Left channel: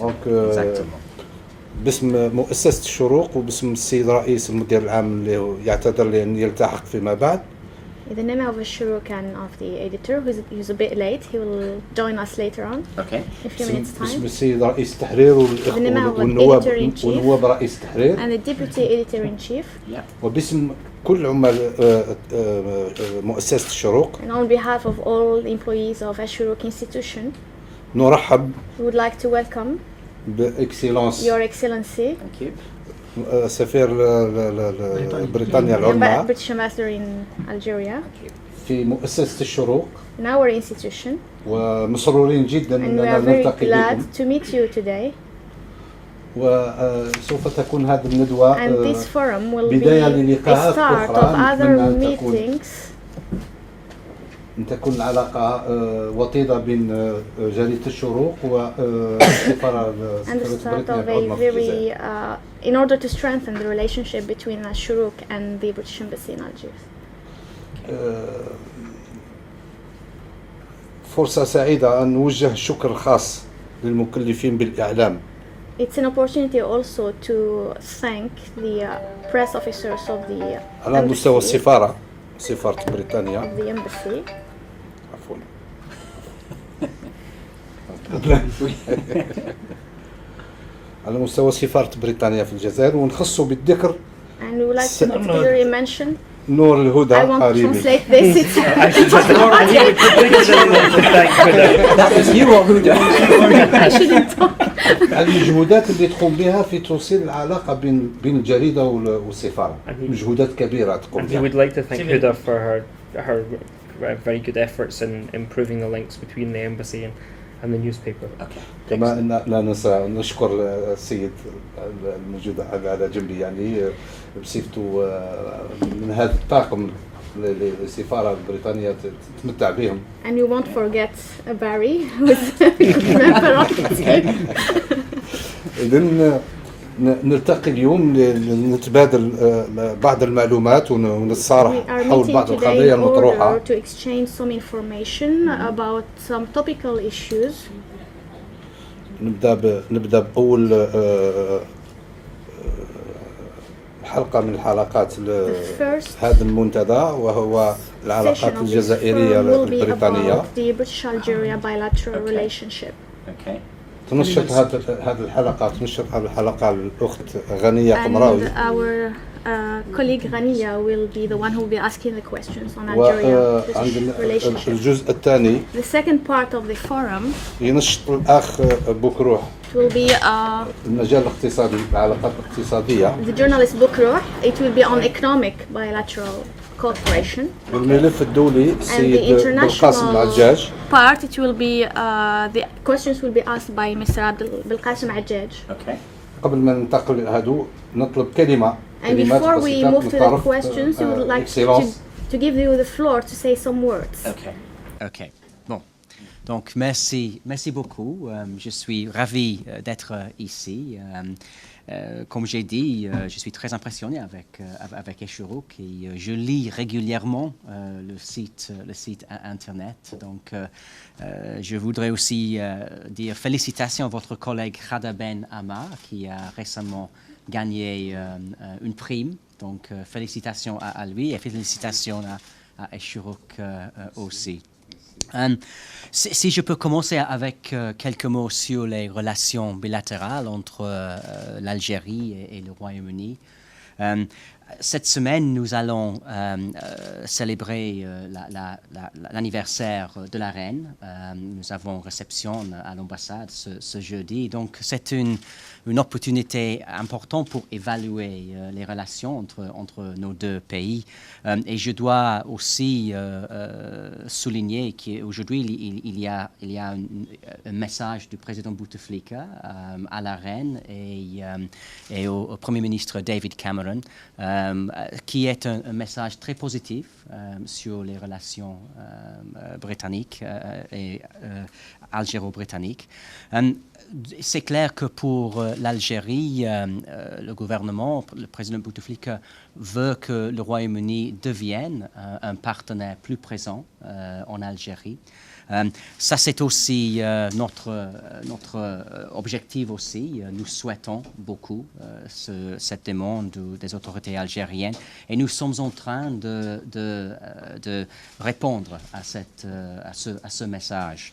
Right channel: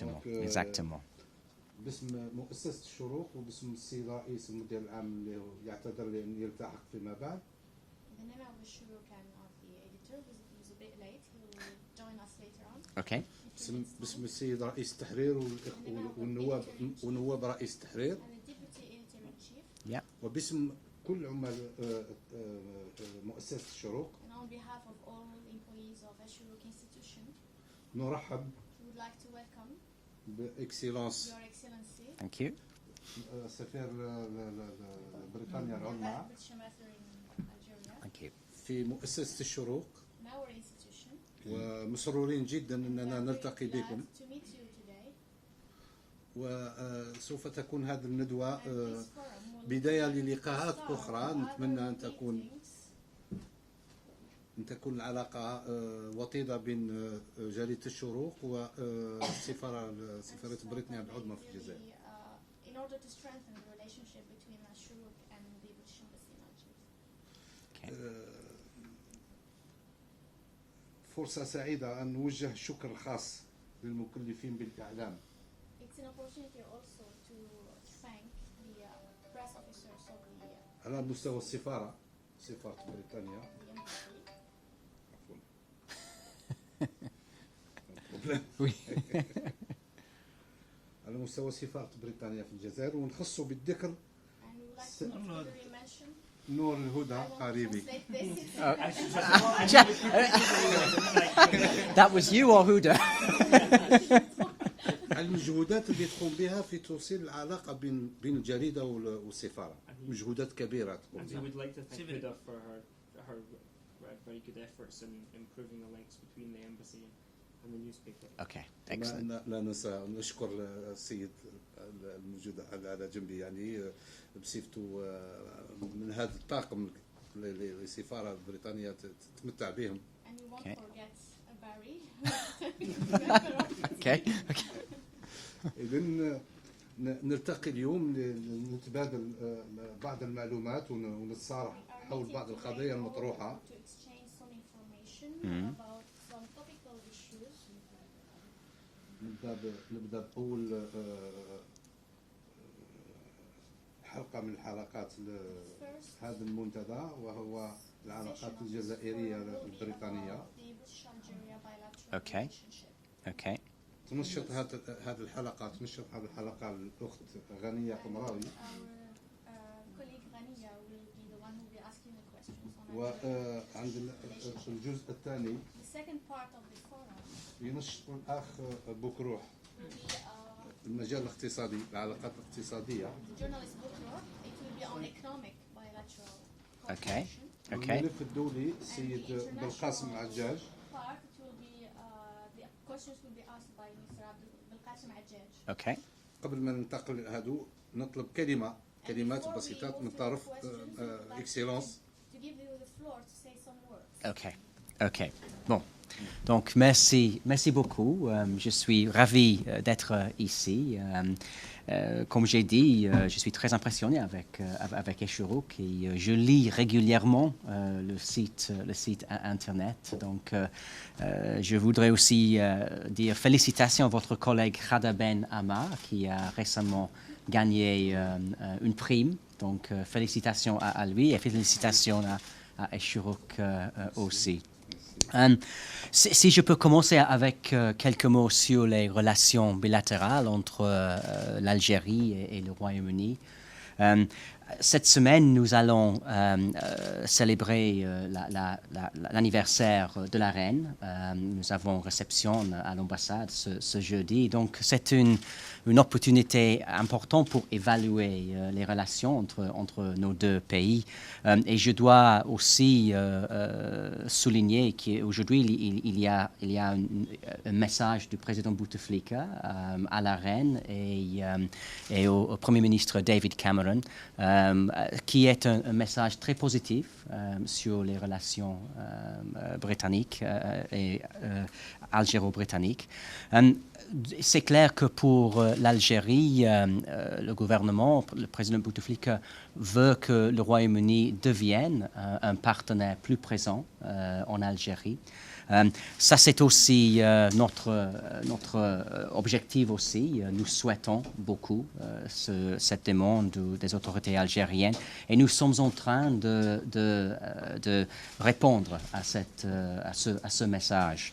دونك باسم مؤسسة الشروق وباسم السيد رئيس المدير العام اللي يعتذر لأن يلتحق فيما بعد. In the name of Shuruk and of the editor, who's a bit late, he will join us later on. Okay. In a few minutes time. باسم السيد رئيس التحرير والنواب رئيس التحرير. And the deputy editor in chief. Yeah. وباسم كل عمال مؤسسة الشروق. And on behalf of all the employees of Shuruk institution. نرحب. We would like to welcome. بإكسلانس. Your Excellency. Thank you. سفير بريطانيا العظمى. British Ambassador in Algeria. في مؤسسة الشروق. In our institution. ومسرورين جدا أننا And نلتقي we are very glad to meet you today. وسوف تكون هذه الندوة بداية للقاءات أخرى نتمنى أن تكون العلاقة وطيدة بين جريدة الشروق والسفارة بريطانيا في الجزائر. In order to strengthen the relationship between Shuruk and the British Embassy in Algiers. فرصة سعيدة أن نوجه الشكر الخاص للمكلفين بالإعلام. It's an opportunity also to thank the press officers of the على مستوى السفارة سفارة بريطانيا. Of the embassy. عفوا. على مستوى سفارة بريطانيا في الجزائر ونخصه بالذكر. And we would like to particularly mention. نور الهدى قريبي. I want to translate this. That was you or Huda? I shouldn't talk. المجهودات اللي تقوم بها في توصيل العلاقة بين الجريدة والسفارة. مجهودات كبيرة تقوم بها. And we would like to thank Huda for her very good efforts in improving the links between the embassy and the newspaper. Okay. كما لا ننسى نشكر السيد الموجود على جنبي يعني بصفته من هذا الطاقم للسفارة البريطانية تتمتع بهم. And you won't forget Barry who's member of the team. إذن نلتقي اليوم لنتبادل بعض المعلومات ونتصارح حول بعض القضايا المطروحة. To exchange some information about some topical issues. نبدأ بأول حلقة من الحلقات هذا المنتدى وهو العلاقات الجزائرية البريطانية. The British-Algeria bilateral relationship. Okay. تنشط هذه الحلقة الأخت غنية قمراوي. And our colleague Ghania will be the one who will be asking the questions on Algeria-British relationship. الجزء الثاني. The second part of the forum. ينشط الأخ بكروح. Will be المجال الاقتصادي العلاقات الاقتصادية. The journalist Bukrouh. It will be on economic bilateral cooperation. والملف الدولي السيد بالقاسم العجاج. Part it will be the questions will be asked by Mr. Belqasim Ajaj. Okay. قبل ما ننتقل هذو نطلب كلمة. And before we move to the questions, we would like to give you the floor to say some words. Okay. Okay. Bon. Donc merci beaucoup. Je suis ravi d'être ici. Comme j'ai dit, je suis très impressionné avec Shuruk et je lis régulièrement le site internet. Donc, je voudrais aussi dire félicitations à votre collègue Khada Ben Ammar qui a récemment gagné une prime. Donc, félicitations à lui et félicitations à Shuruk aussi. Si je peux commencer avec quelques mots sur les relations bilatérales entre l'Algérie et le Royaume-Uni. Cette semaine, nous allons célébrer l'anniversaire de la reine. Nous avons réception à l'ambassade ce jeudi. Donc, c'est une opportunité importante pour évaluer les relations entre nos deux pays. Et je dois aussi souligner qu'aujourd'hui, il y a un message du président Bouteflika à la reine et au Premier ministre David Cameron, qui est un message très positif sur les relations britanniques et algéro-britanniques. C'est clair que pour l'Algérie, le gouvernement, le président Bouteflika veut que le Royaume-Uni devienne un partenaire plus présent en Algérie. Ça, c'est aussi notre objectif aussi. Nous souhaitons beaucoup cette demande des autorités algériennes et nous sommes en train de répondre à ce message.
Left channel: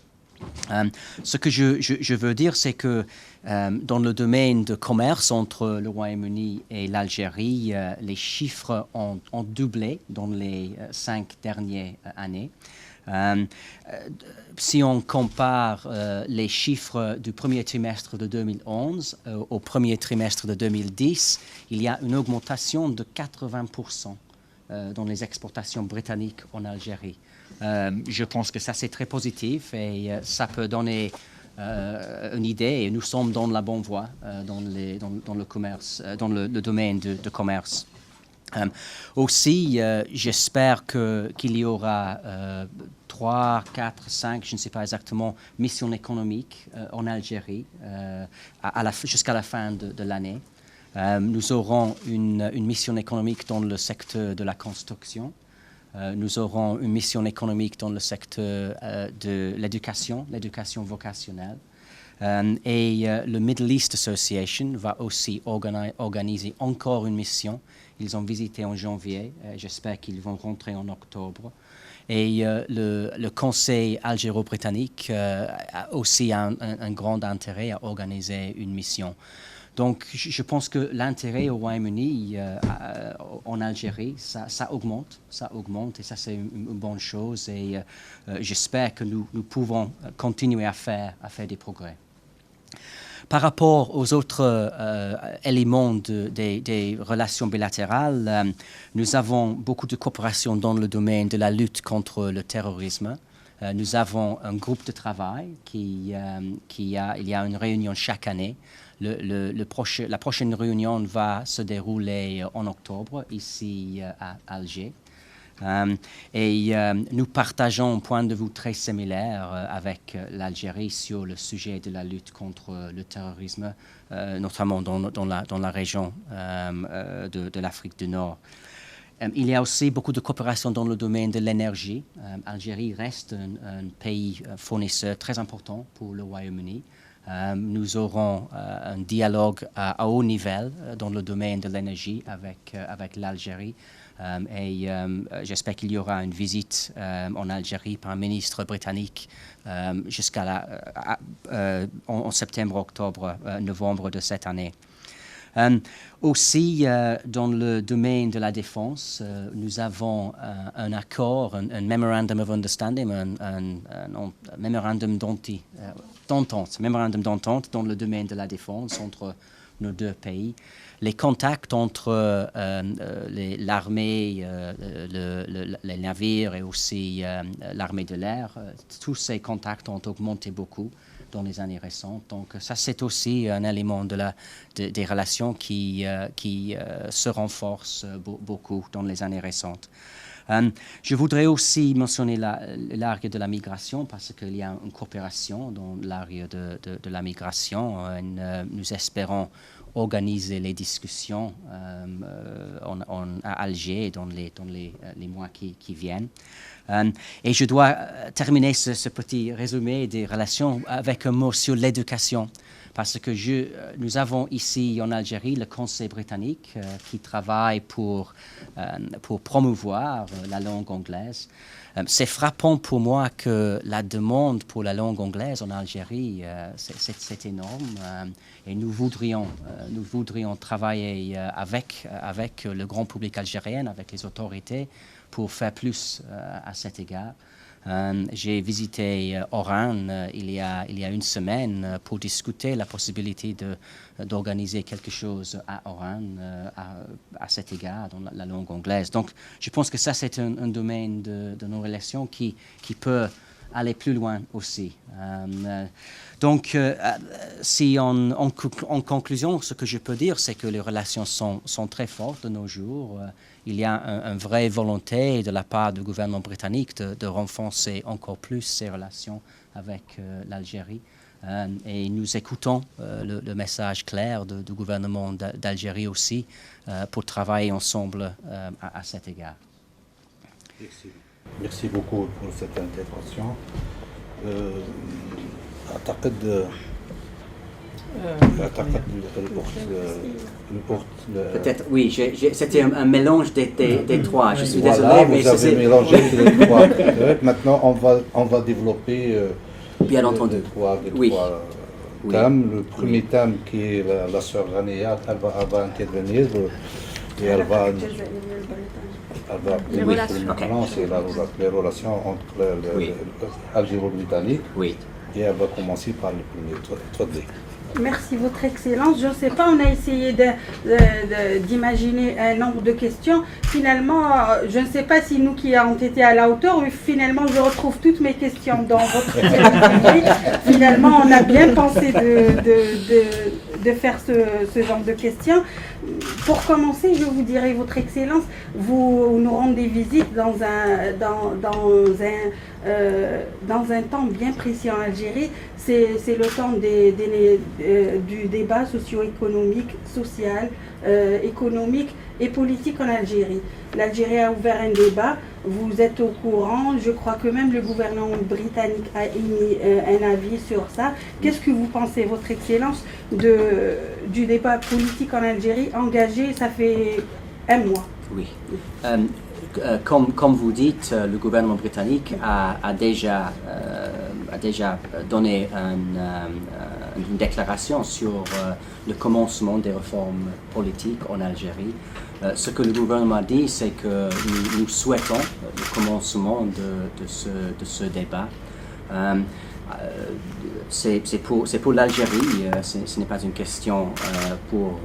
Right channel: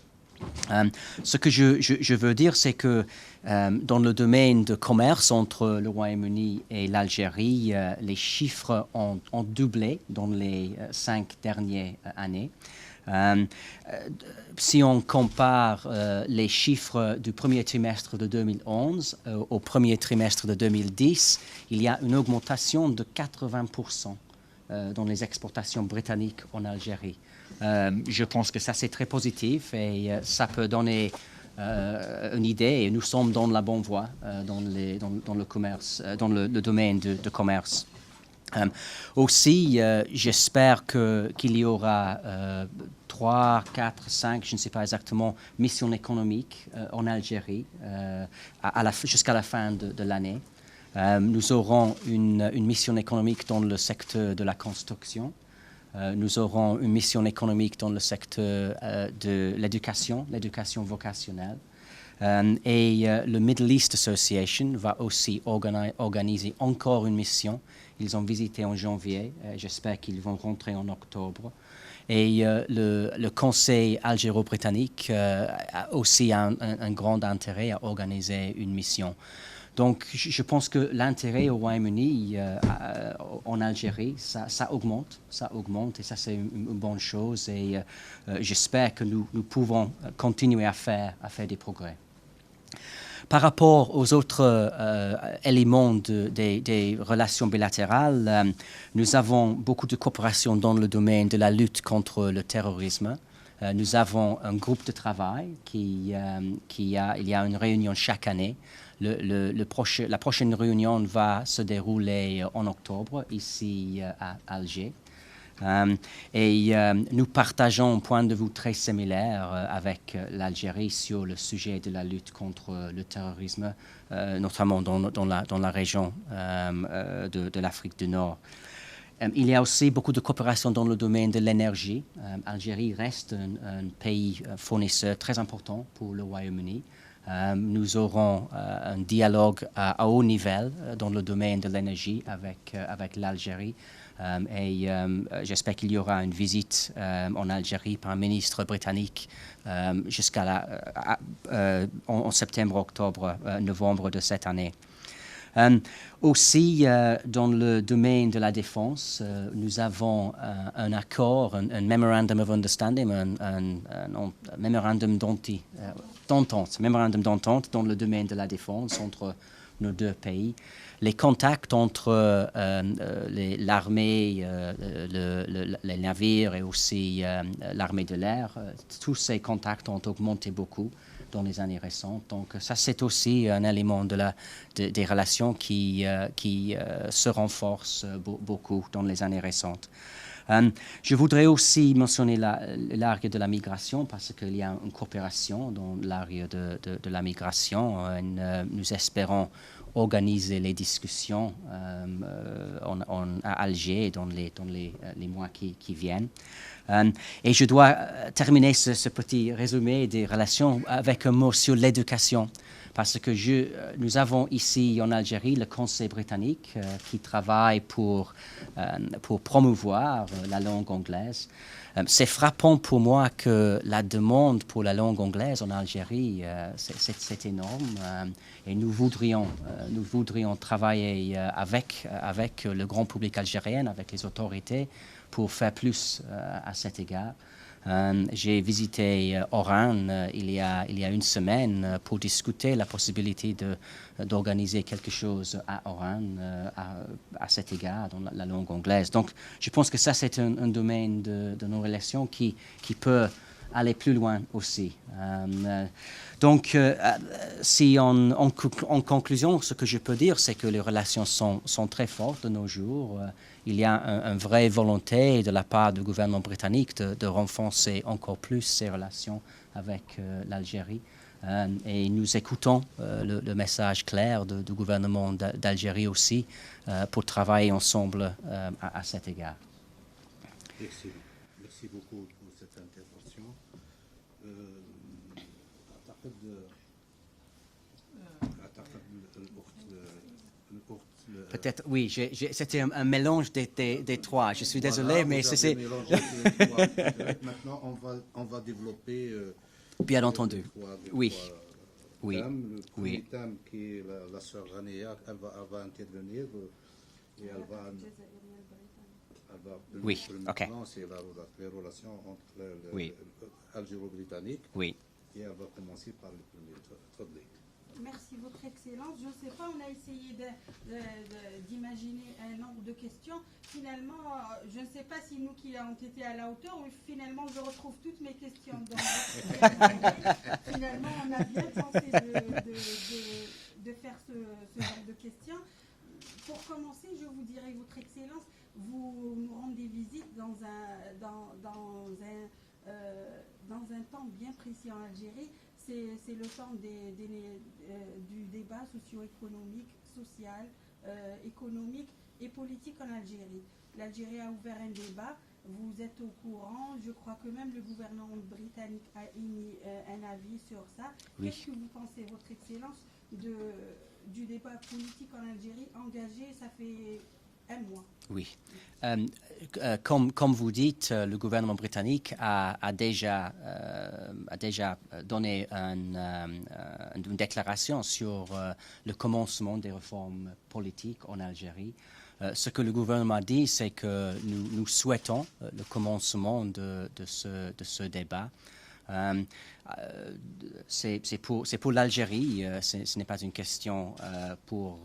Ce que je veux dire, c'est que dans le domaine de commerce entre le Royaume-Uni et l'Algérie, les chiffres ont doublé dans les 5 dernières années. Si on compare les chiffres du premier trimestre de 2011 au premier trimestre de 2010, il y a une augmentation de 80% dans les exportations britanniques en Algérie. Je pense que ça, c'est très positif et ça peut donner une idée. Et nous sommes dans la bonne voie dans le commerce, dans le domaine de commerce. Aussi, j'espère qu'il y aura 3, 4, 5, je ne sais pas exactement, missions économiques en Algérie jusqu'à la fin de l'année. Nous aurons une mission économique dans le secteur de la construction. Nous aurons une mission économique dans le secteur de l'éducation vocationnelle. Et le Middle East Association va aussi organiser encore une mission. Ils ont visité en janvier. J'espère qu'ils vont rentrer en octobre. Et le Conseil algéro-britannique a aussi un grand intérêt à organiser une mission. Donc, je pense que l'intérêt au Royaume-Uni en Algérie, ça augmente et ça, c'est une bonne chose. Et j'espère que nous pouvons continuer à faire des progrès. Par rapport aux autres éléments des relations bilatérales, nous avons beaucoup de coopération dans le domaine de la lutte contre le terrorisme. Nous avons un groupe de travail il y a une réunion chaque année. La prochaine réunion va se dérouler en octobre ici à Alger. Et nous partageons un point de vue très similaire avec l'Algérie sur le sujet de la lutte contre le terrorisme, notamment dans la région de l'Afrique du Nord. Il y a aussi beaucoup de coopération dans le domaine de l'énergie. L'Algérie reste un pays fournisseur très important pour le Royaume-Uni. Nous aurons un dialogue à haut niveau dans le domaine de l'énergie avec l'Algérie. Et j'espère qu'il y aura une visite en Algérie par un ministre britannique en septembre, octobre, novembre de cette année. Aussi, dans le domaine de la défense, nous avons un accord, un memorandum of understanding, un memorandum d'entente dans le domaine de la défense entre nos deux pays. Les contacts entre l'armée, les navires et aussi l'armée de l'air, tous ces contacts ont augmenté beaucoup dans les années récentes. Donc ça, c'est aussi un élément des relations qui se renforce beaucoup dans les années récentes. Je voudrais aussi mentionner l'area de la migration parce qu'il y a une coopération dans l'area de la migration. Nous espérons organiser les discussions à Alger dans les mois qui viennent. Et je dois terminer ce petit résumé des relations avec un mot sur l'éducation, parce que nous avons ici en Algérie le Conseil britannique qui travaille pour promouvoir la langue anglaise. C'est frappant pour moi que la demande pour la langue anglaise en Algérie, c'est énorme. Et nous voudrions travailler avec le grand public algérien, avec les autorités, pour faire plus à cet égard. J'ai visité Oran il y a une semaine pour discuter la possibilité d'organiser quelque chose à Oran à cet égard, dans la langue anglaise. Donc, je pense que ça, c'est un domaine de nos relations qui peut aller plus loin aussi. Donc, si en conclusion, ce que je peux dire, c'est que les relations sont très fortes de nos jours. Il y a une vraie volonté de la part du gouvernement britannique de renforcer encore plus ses relations avec l'Algérie. Et nous écoutons le message clair du gouvernement d'Algérie aussi pour travailler ensemble à cet égard. Merci beaucoup pour cette intervention. أعتقد Peut-être, oui, c'était un mélange des trois. Je suis désolé, voilà, mais vous avez c'est mélangé les trois. Maintenant, on va développer bien entendu. les Oui. trois Oui. thèmes. Le premier thème qui est la sœur Rania, elle va intervenir et elle va Les relations. maintenant, c'est les relations entre Oui. l'Algéro-Britannique Oui. et elle va commencer par le premier Twadli. Merci, Votre Excellence. Je ne sais pas, on a essayé d'imaginer un nombre de questions. Finalement, je ne sais pas si nous qui avons été à la hauteur, mais finalement, je retrouve toutes mes questions dans votre sujet. Finalement, on a bien pensé de faire ce genre de questions. Pour commencer, je vous dirais, Votre Excellence, vous nous rendez visite dans un temps bien précis en Algérie. C'est le temps du débat socio-économique, social, économique et politique en Algérie. L'Algérie a ouvert un débat, vous êtes au courant, je crois que même le gouvernement britannique a émis un avis sur ça. Qu'est-ce que vous pensez, Votre Excellence, du débat politique en Algérie engagé, ça fait un mois? Oui. Comme vous dites, le gouvernement britannique a déjà donné une déclaration sur le commencement des réformes politiques en Algérie. Ce que le gouvernement a dit, c'est que nous souhaitons le commencement de ce débat. C'est pour l'Algérie, ce n'est pas une question pour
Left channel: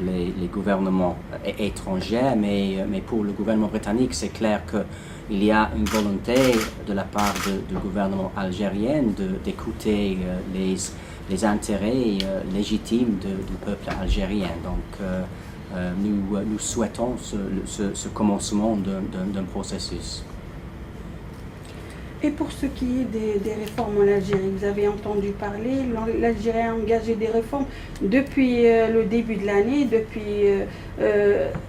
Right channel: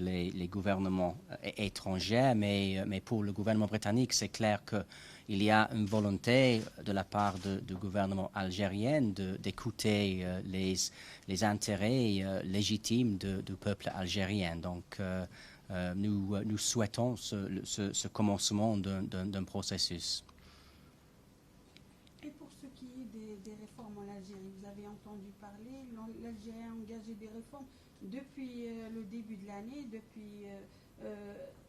les gouvernements étrangers, mais pour le gouvernement britannique, c'est clair qu'il y a une volonté de la part du gouvernement algérien d'écouter les intérêts légitimes du peuple algérien. Donc, nous souhaitons ce commencement d'un processus. Et pour ce qui est des réformes en Algérie, vous avez entendu parler, l'Algérie a engagé des réformes depuis le début de l'année,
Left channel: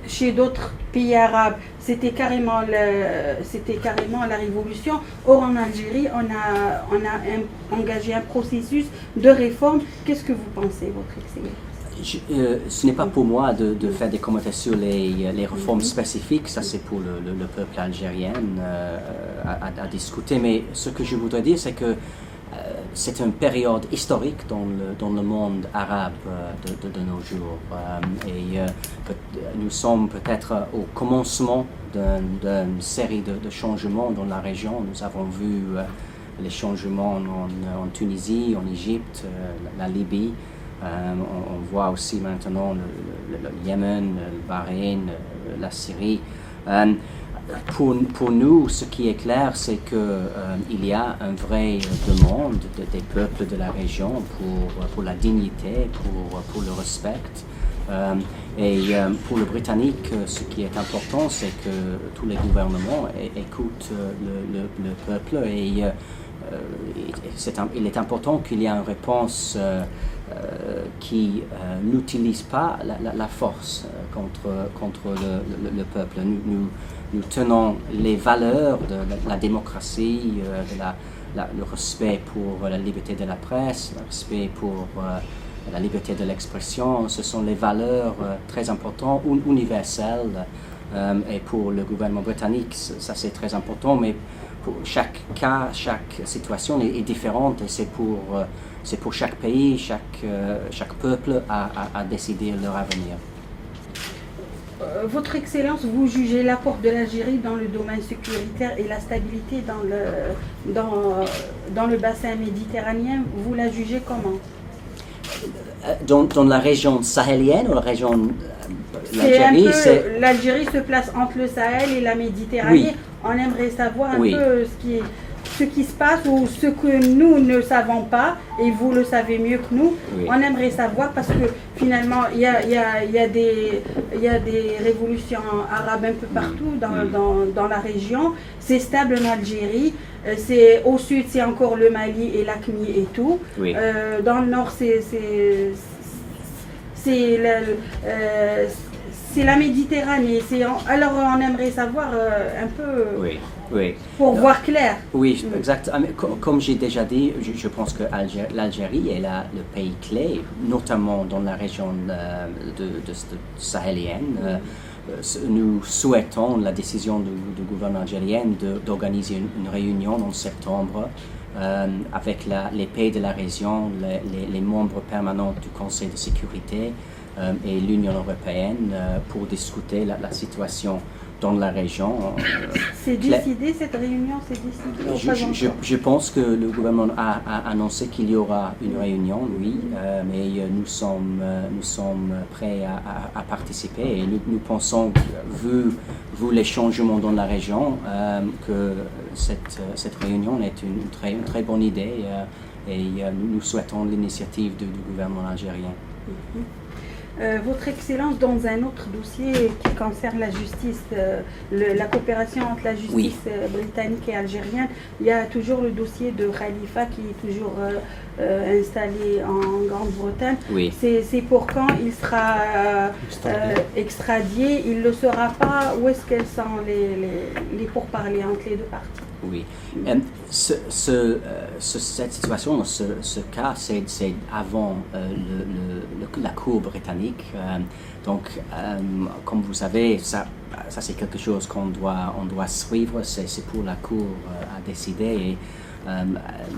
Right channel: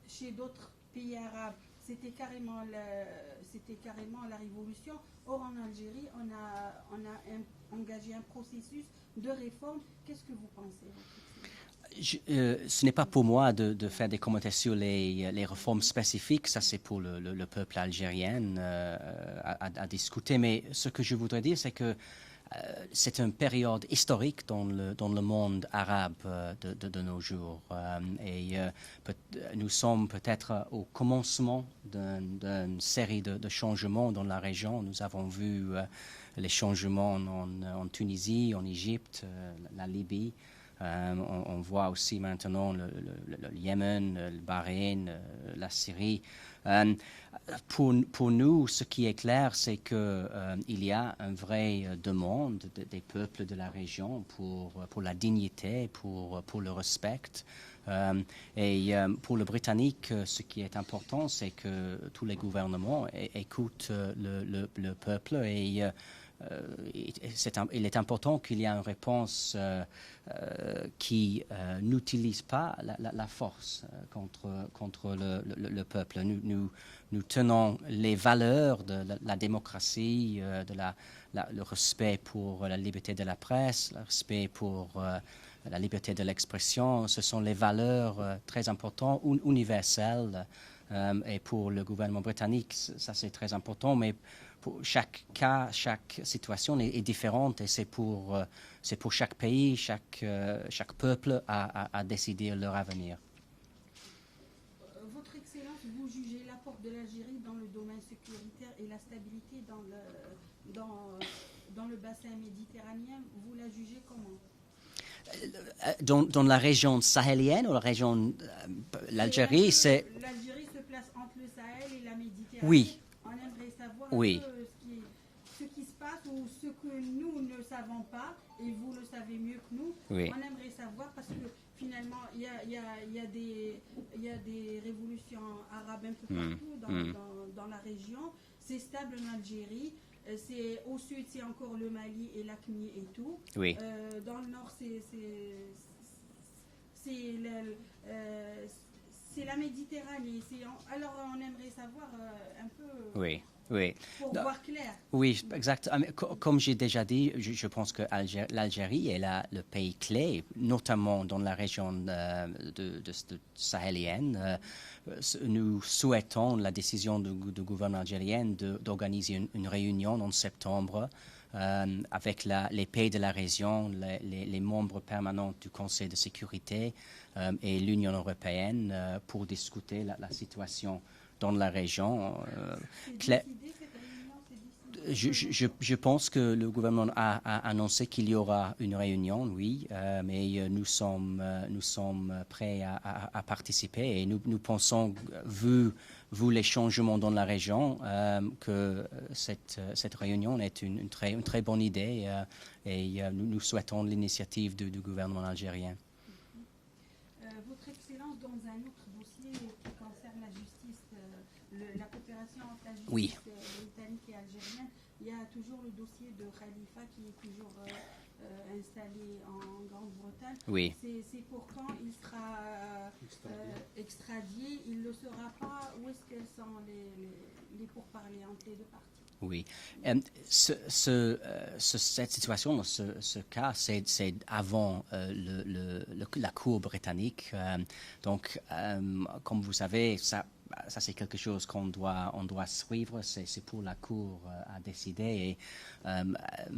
chez d'autres pays arabes, c'était carrément la révolution. Or en Algérie, on a engagé un processus de réforme. Qu'est-ce que vous pensez, Votre Excellence? Ce n'est pas pour moi de faire des commentaires sur les réformes spécifiques, ça c'est pour le peuple algérien à discuter, mais ce que je voudrais dire c'est que c'est une période historique dans le monde arabe de nos jours et nous sommes peut-être au commencement d'une série de changements dans la région. Nous avons vu les changements en Tunisie, en Égypte, la Libye. On voit aussi maintenant le Yémen, le Bahreïn, la Syrie. Pour nous, ce qui est clair, c'est qu'il y a une vraie demande des peuples de la région pour la dignité, pour le respect. Et pour le Britannique, ce qui est important, c'est que tous les gouvernements écoutent le peuple et il est important qu'il y ait une réponse qui n'utilise pas la force contre le peuple. Nous tenons les valeurs de la démocratie, le respect pour la liberté de la presse, le respect pour la liberté de l'expression. Ce sont les valeurs très importantes, universelles. Et pour le gouvernement britannique, ça c'est très important, mais pour chaque cas, chaque situation est différente et c'est pour chaque pays, chaque peuple à décider leur avenir. Votre Excellence, vous jugez l'apport de l'Algérie dans le domaine sécuritaire et la stabilité dans le bassin méditerranéen, vous la jugez comment? Dans la région sahélienne ou la région... L'Algérie se place entre le Sahel et la Méditerranée. Oui. On aimerait savoir un peu ce qui se passe ou ce que nous ne savons pas, et vous le savez mieux que nous. Oui. On aimerait savoir parce que finalement, il y a des révolutions arabes un peu partout dans la région. C'est stable en Algérie. Au sud, c'est encore le Mali et l'AQMI et tout. Oui. Dans le nord, c'est la Méditerranée. Alors on aimerait savoir un peu Oui. pour voir clair. Oui, exact. Comme j'ai déjà dit, je pense que l'Algérie est le pays clé, notamment dans la région sahélienne. Nous souhaitons la décision du gouvernement algérien d'organiser une réunion en septembre avec les pays de la région, les membres permanents du Conseil de sécurité et l'Union européenne pour discuter la situation dans la région. C'est décidé, cette réunion, c'est décidé? Je pense que le gouvernement a annoncé qu'il y aura une réunion, oui, mais nous sommes prêts à participer et nous pensons, vu les changements dans la région, que cette réunion est une très bonne idée et nous souhaitons l'initiative du gouvernement algérien. Votre Excellence, dans un autre dossier qui concerne la justice, la coopération entre la justice britannique et algérienne, il y a toujours le dossier de Khalifa qui est toujours installé en Grande-Bretagne. Oui. C'est pour quand il sera extradié? Il ne le sera pas? Où est-ce qu'elles sont les pourparlers entre les deux parties? Oui. Cette situation, ce cas, c'est avant la Cour britannique. Donc, comme vous savez, ça c'est quelque chose qu'on doit suivre. C'est pour la Cour à décider. Et,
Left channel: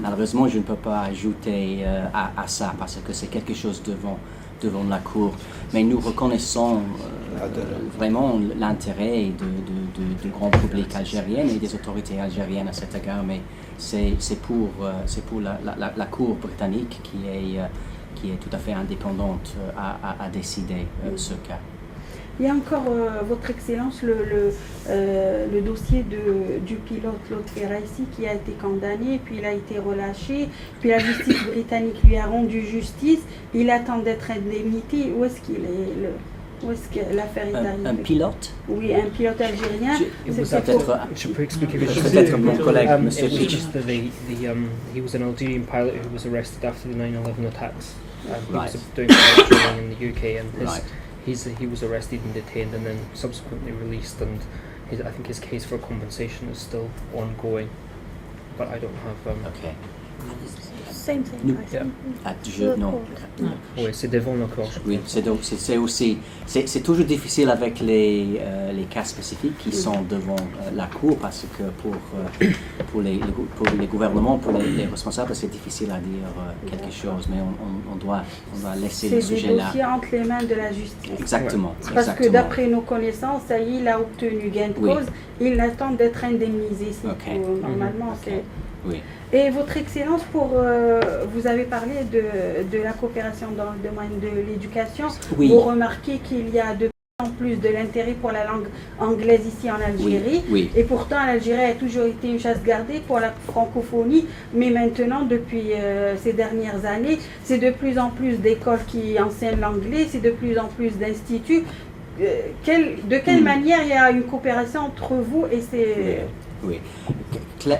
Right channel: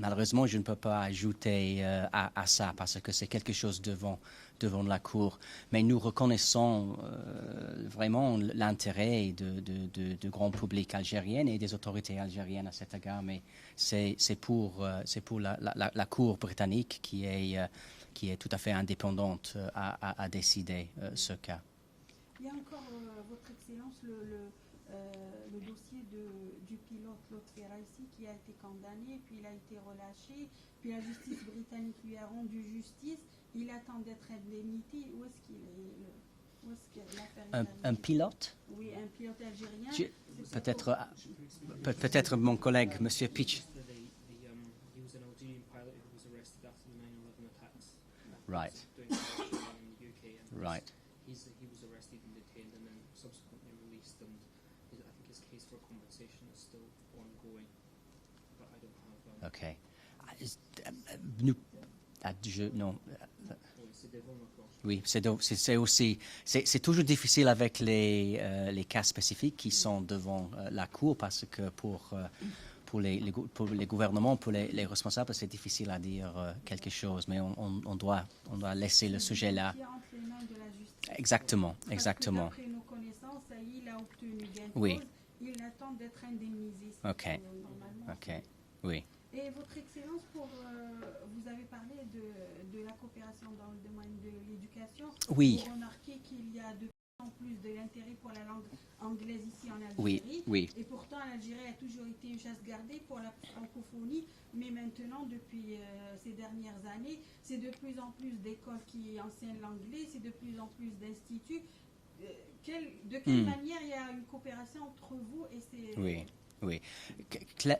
malheureusement, je ne peux pas ajouter à ça parce que c'est quelque chose devant la Cour. Mais nous reconnaissons vraiment l'intérêt du grand public algérien et des autorités algériennes à cet égard, mais c'est pour la Cour britannique qui est tout à fait indépendante à décider ce cas. Il y a encore, Votre Excellence, le dossier du pilote Lotfi Raisi qui a été condamné, puis il a été relâché, puis la justice britannique lui a rendu justice, il attend d'être indemnité. Où est-ce qu'il est? Où est-ce que l'affaire est arrivée? Un pilote? Oui, un pilote algérien. Je peux expliquer. Peut-être mon collègue, M. Peach. He was an Algerian pilot who was arrested after the 9/11 attacks. He Right. was doing pilot training in the UK, and Right. he was arrested and detained, and then subsequently released. And I think his case for compensation is still ongoing, but I don't have. Okay. Same thing. Nous- I think. Non. Oui, c'est devant le corps. Oui, c'est aussi, c'est toujours difficile avec les cas spécifiques qui sont devant la Cour parce que pour les gouvernements, pour les responsables, c'est difficile à dire quelque chose, mais on doit laisser le C'est des sujet là. dossiers entre les mains de la justice. Exactement. Parce que d'après nos connaissances, ça y est, il a obtenu gain de Oui. cause, il attend d'être indemnisé. C'est Ok. tout. Normalement, Ok. c'est... Oui. Et Votre Excellence, vous avez parlé de la coopération dans le domaine de l'éducation. Oui. Vous remarquez qu'il y a de plus en plus de l'intérêt pour la langue anglaise ici en Algérie. Oui. Et pourtant, l'Algérie a toujours été une chasse gardée pour la francophonie. Mais maintenant, depuis ces dernières années, c'est de plus en plus d'écoles qui enseignent l'anglais, c'est de plus en plus d'instituts. De quelle manière il y a une coopération entre vous et ces... Oui.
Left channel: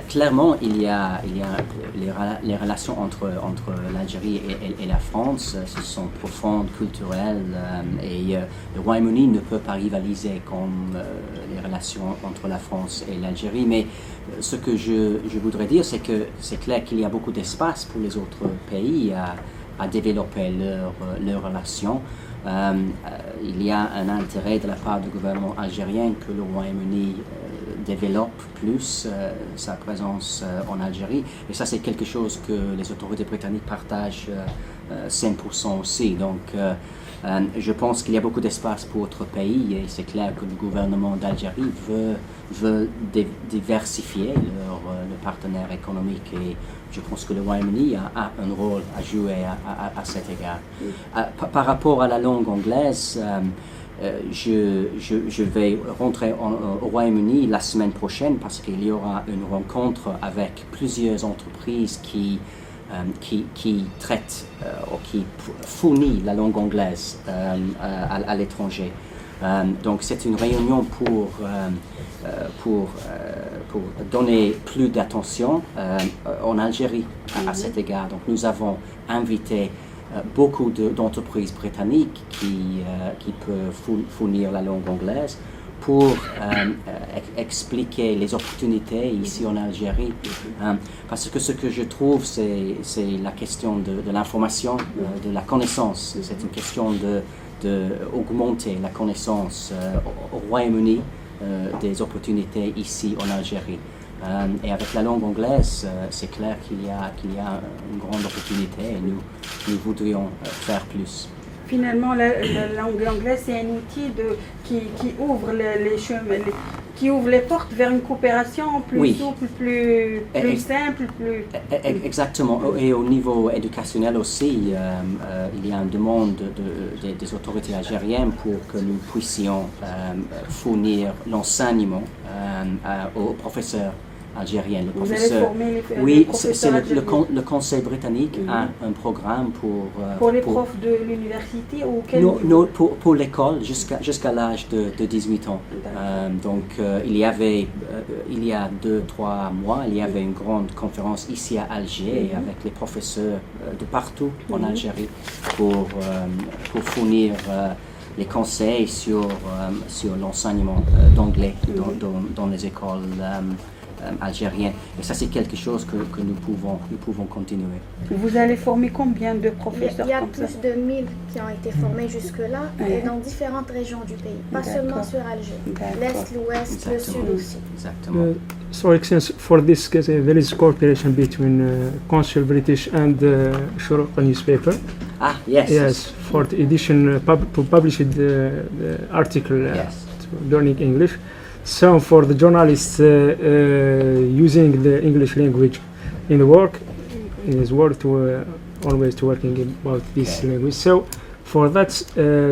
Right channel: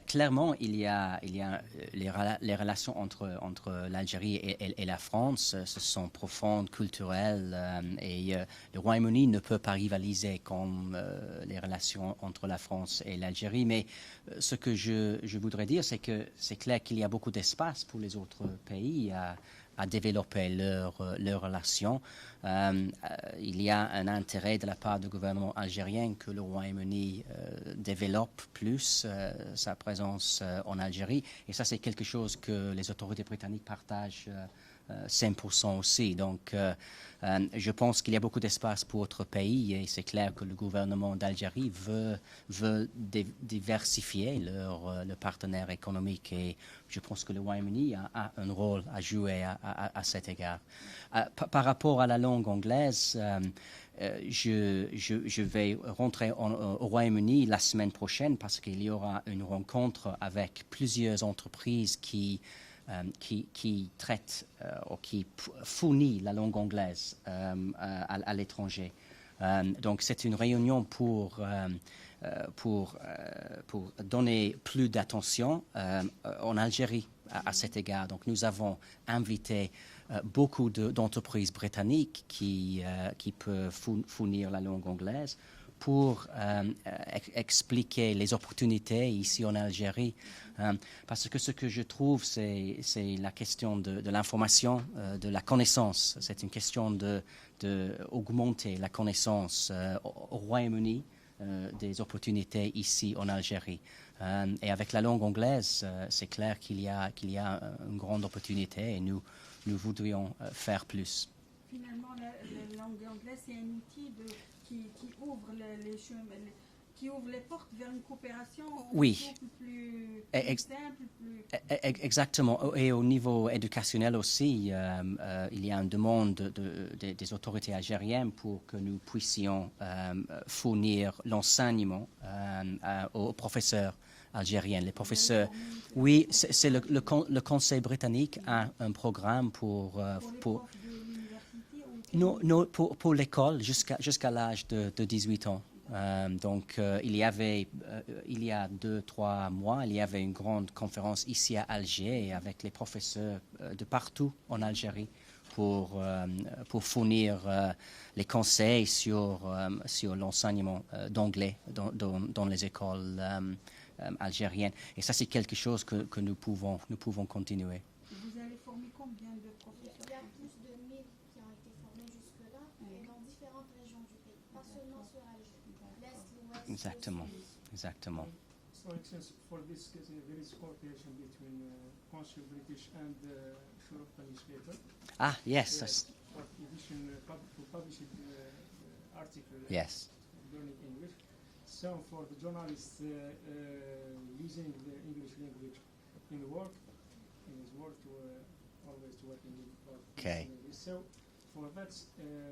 Clairement, il y a les relations entre l'Algérie et la France, ce sont profondes, culturelles, et le Royaume-Uni ne peut pas rivaliser comme les relations entre la France et l'Algérie. Mais ce que je voudrais dire, c'est que c'est clair qu'il y a beaucoup d'espace pour les autres pays à développer leurs relations. Il y a un intérêt de la part du gouvernement algérien que le Royaume-Uni développe plus sa présence en Algérie. Et ça, c'est quelque chose que les autorités britanniques partagent 100% aussi. Donc, je pense qu'il y a beaucoup d'espace pour autres pays et c'est clair que le gouvernement d'Algérie veut diversifier le partenaire économique et je pense que le Royaume-Uni a un rôle à jouer à cet égard. Par rapport à la langue anglaise, je vais rentrer au Royaume-Uni la semaine prochaine parce qu'il y aura une rencontre avec plusieurs entreprises qui traitent ou qui fournissent la langue anglaise à l'étranger. Donc c'est une réunion pour donner plus d'attention en Algérie à cet égard. Donc nous avons invité beaucoup d'entreprises britanniques qui peuvent fournir la langue anglaise pour expliquer les opportunités ici en Algérie. Parce que ce que je trouve, c'est la question de l'information, de la connaissance. C'est une question d'augmenter la connaissance au Royaume-Uni des opportunités ici en Algérie. Et avec la langue anglaise, c'est clair qu'il y a une grande opportunité et nous voudrions faire plus. Finalement, la langue anglaise, c'est un outil qui ouvre les chemins, qui ouvre les portes vers une coopération plus souple, plus simple, plus... Exactement. Et au niveau éducationnel aussi, il y a une demande des autorités algériennes pour que nous puissions fournir l'enseignement aux professeurs algériens. Les professeurs, c'est le Conseil britannique a un programme pour les profs de l'université ou quel Non, pour l'école jusqu'à l'âge de 18 ans. Donc il y a 2-3 mois, il y avait une grande conférence ici à Alger avec les professeurs de partout en Algérie pour fournir les conseils sur l'enseignement d'anglais dans les écoles algériennes. Et ça, c'est quelque chose que nous pouvons continuer. Vous allez former combien de professeurs? Il y a plus de 1000 qui ont été formés jusque-là et dans différentes régions du pays, pas seulement sur Alger. L'Est, l'Ouest, le Sud aussi. Exactement. So, since for this case, there is cooperation between Council British and Shuruq newspaper. Yes. Yes, for the edition to publish the article to learning English. So for the journalists using the English language in the work, in his work, to always to working about this language. So for that,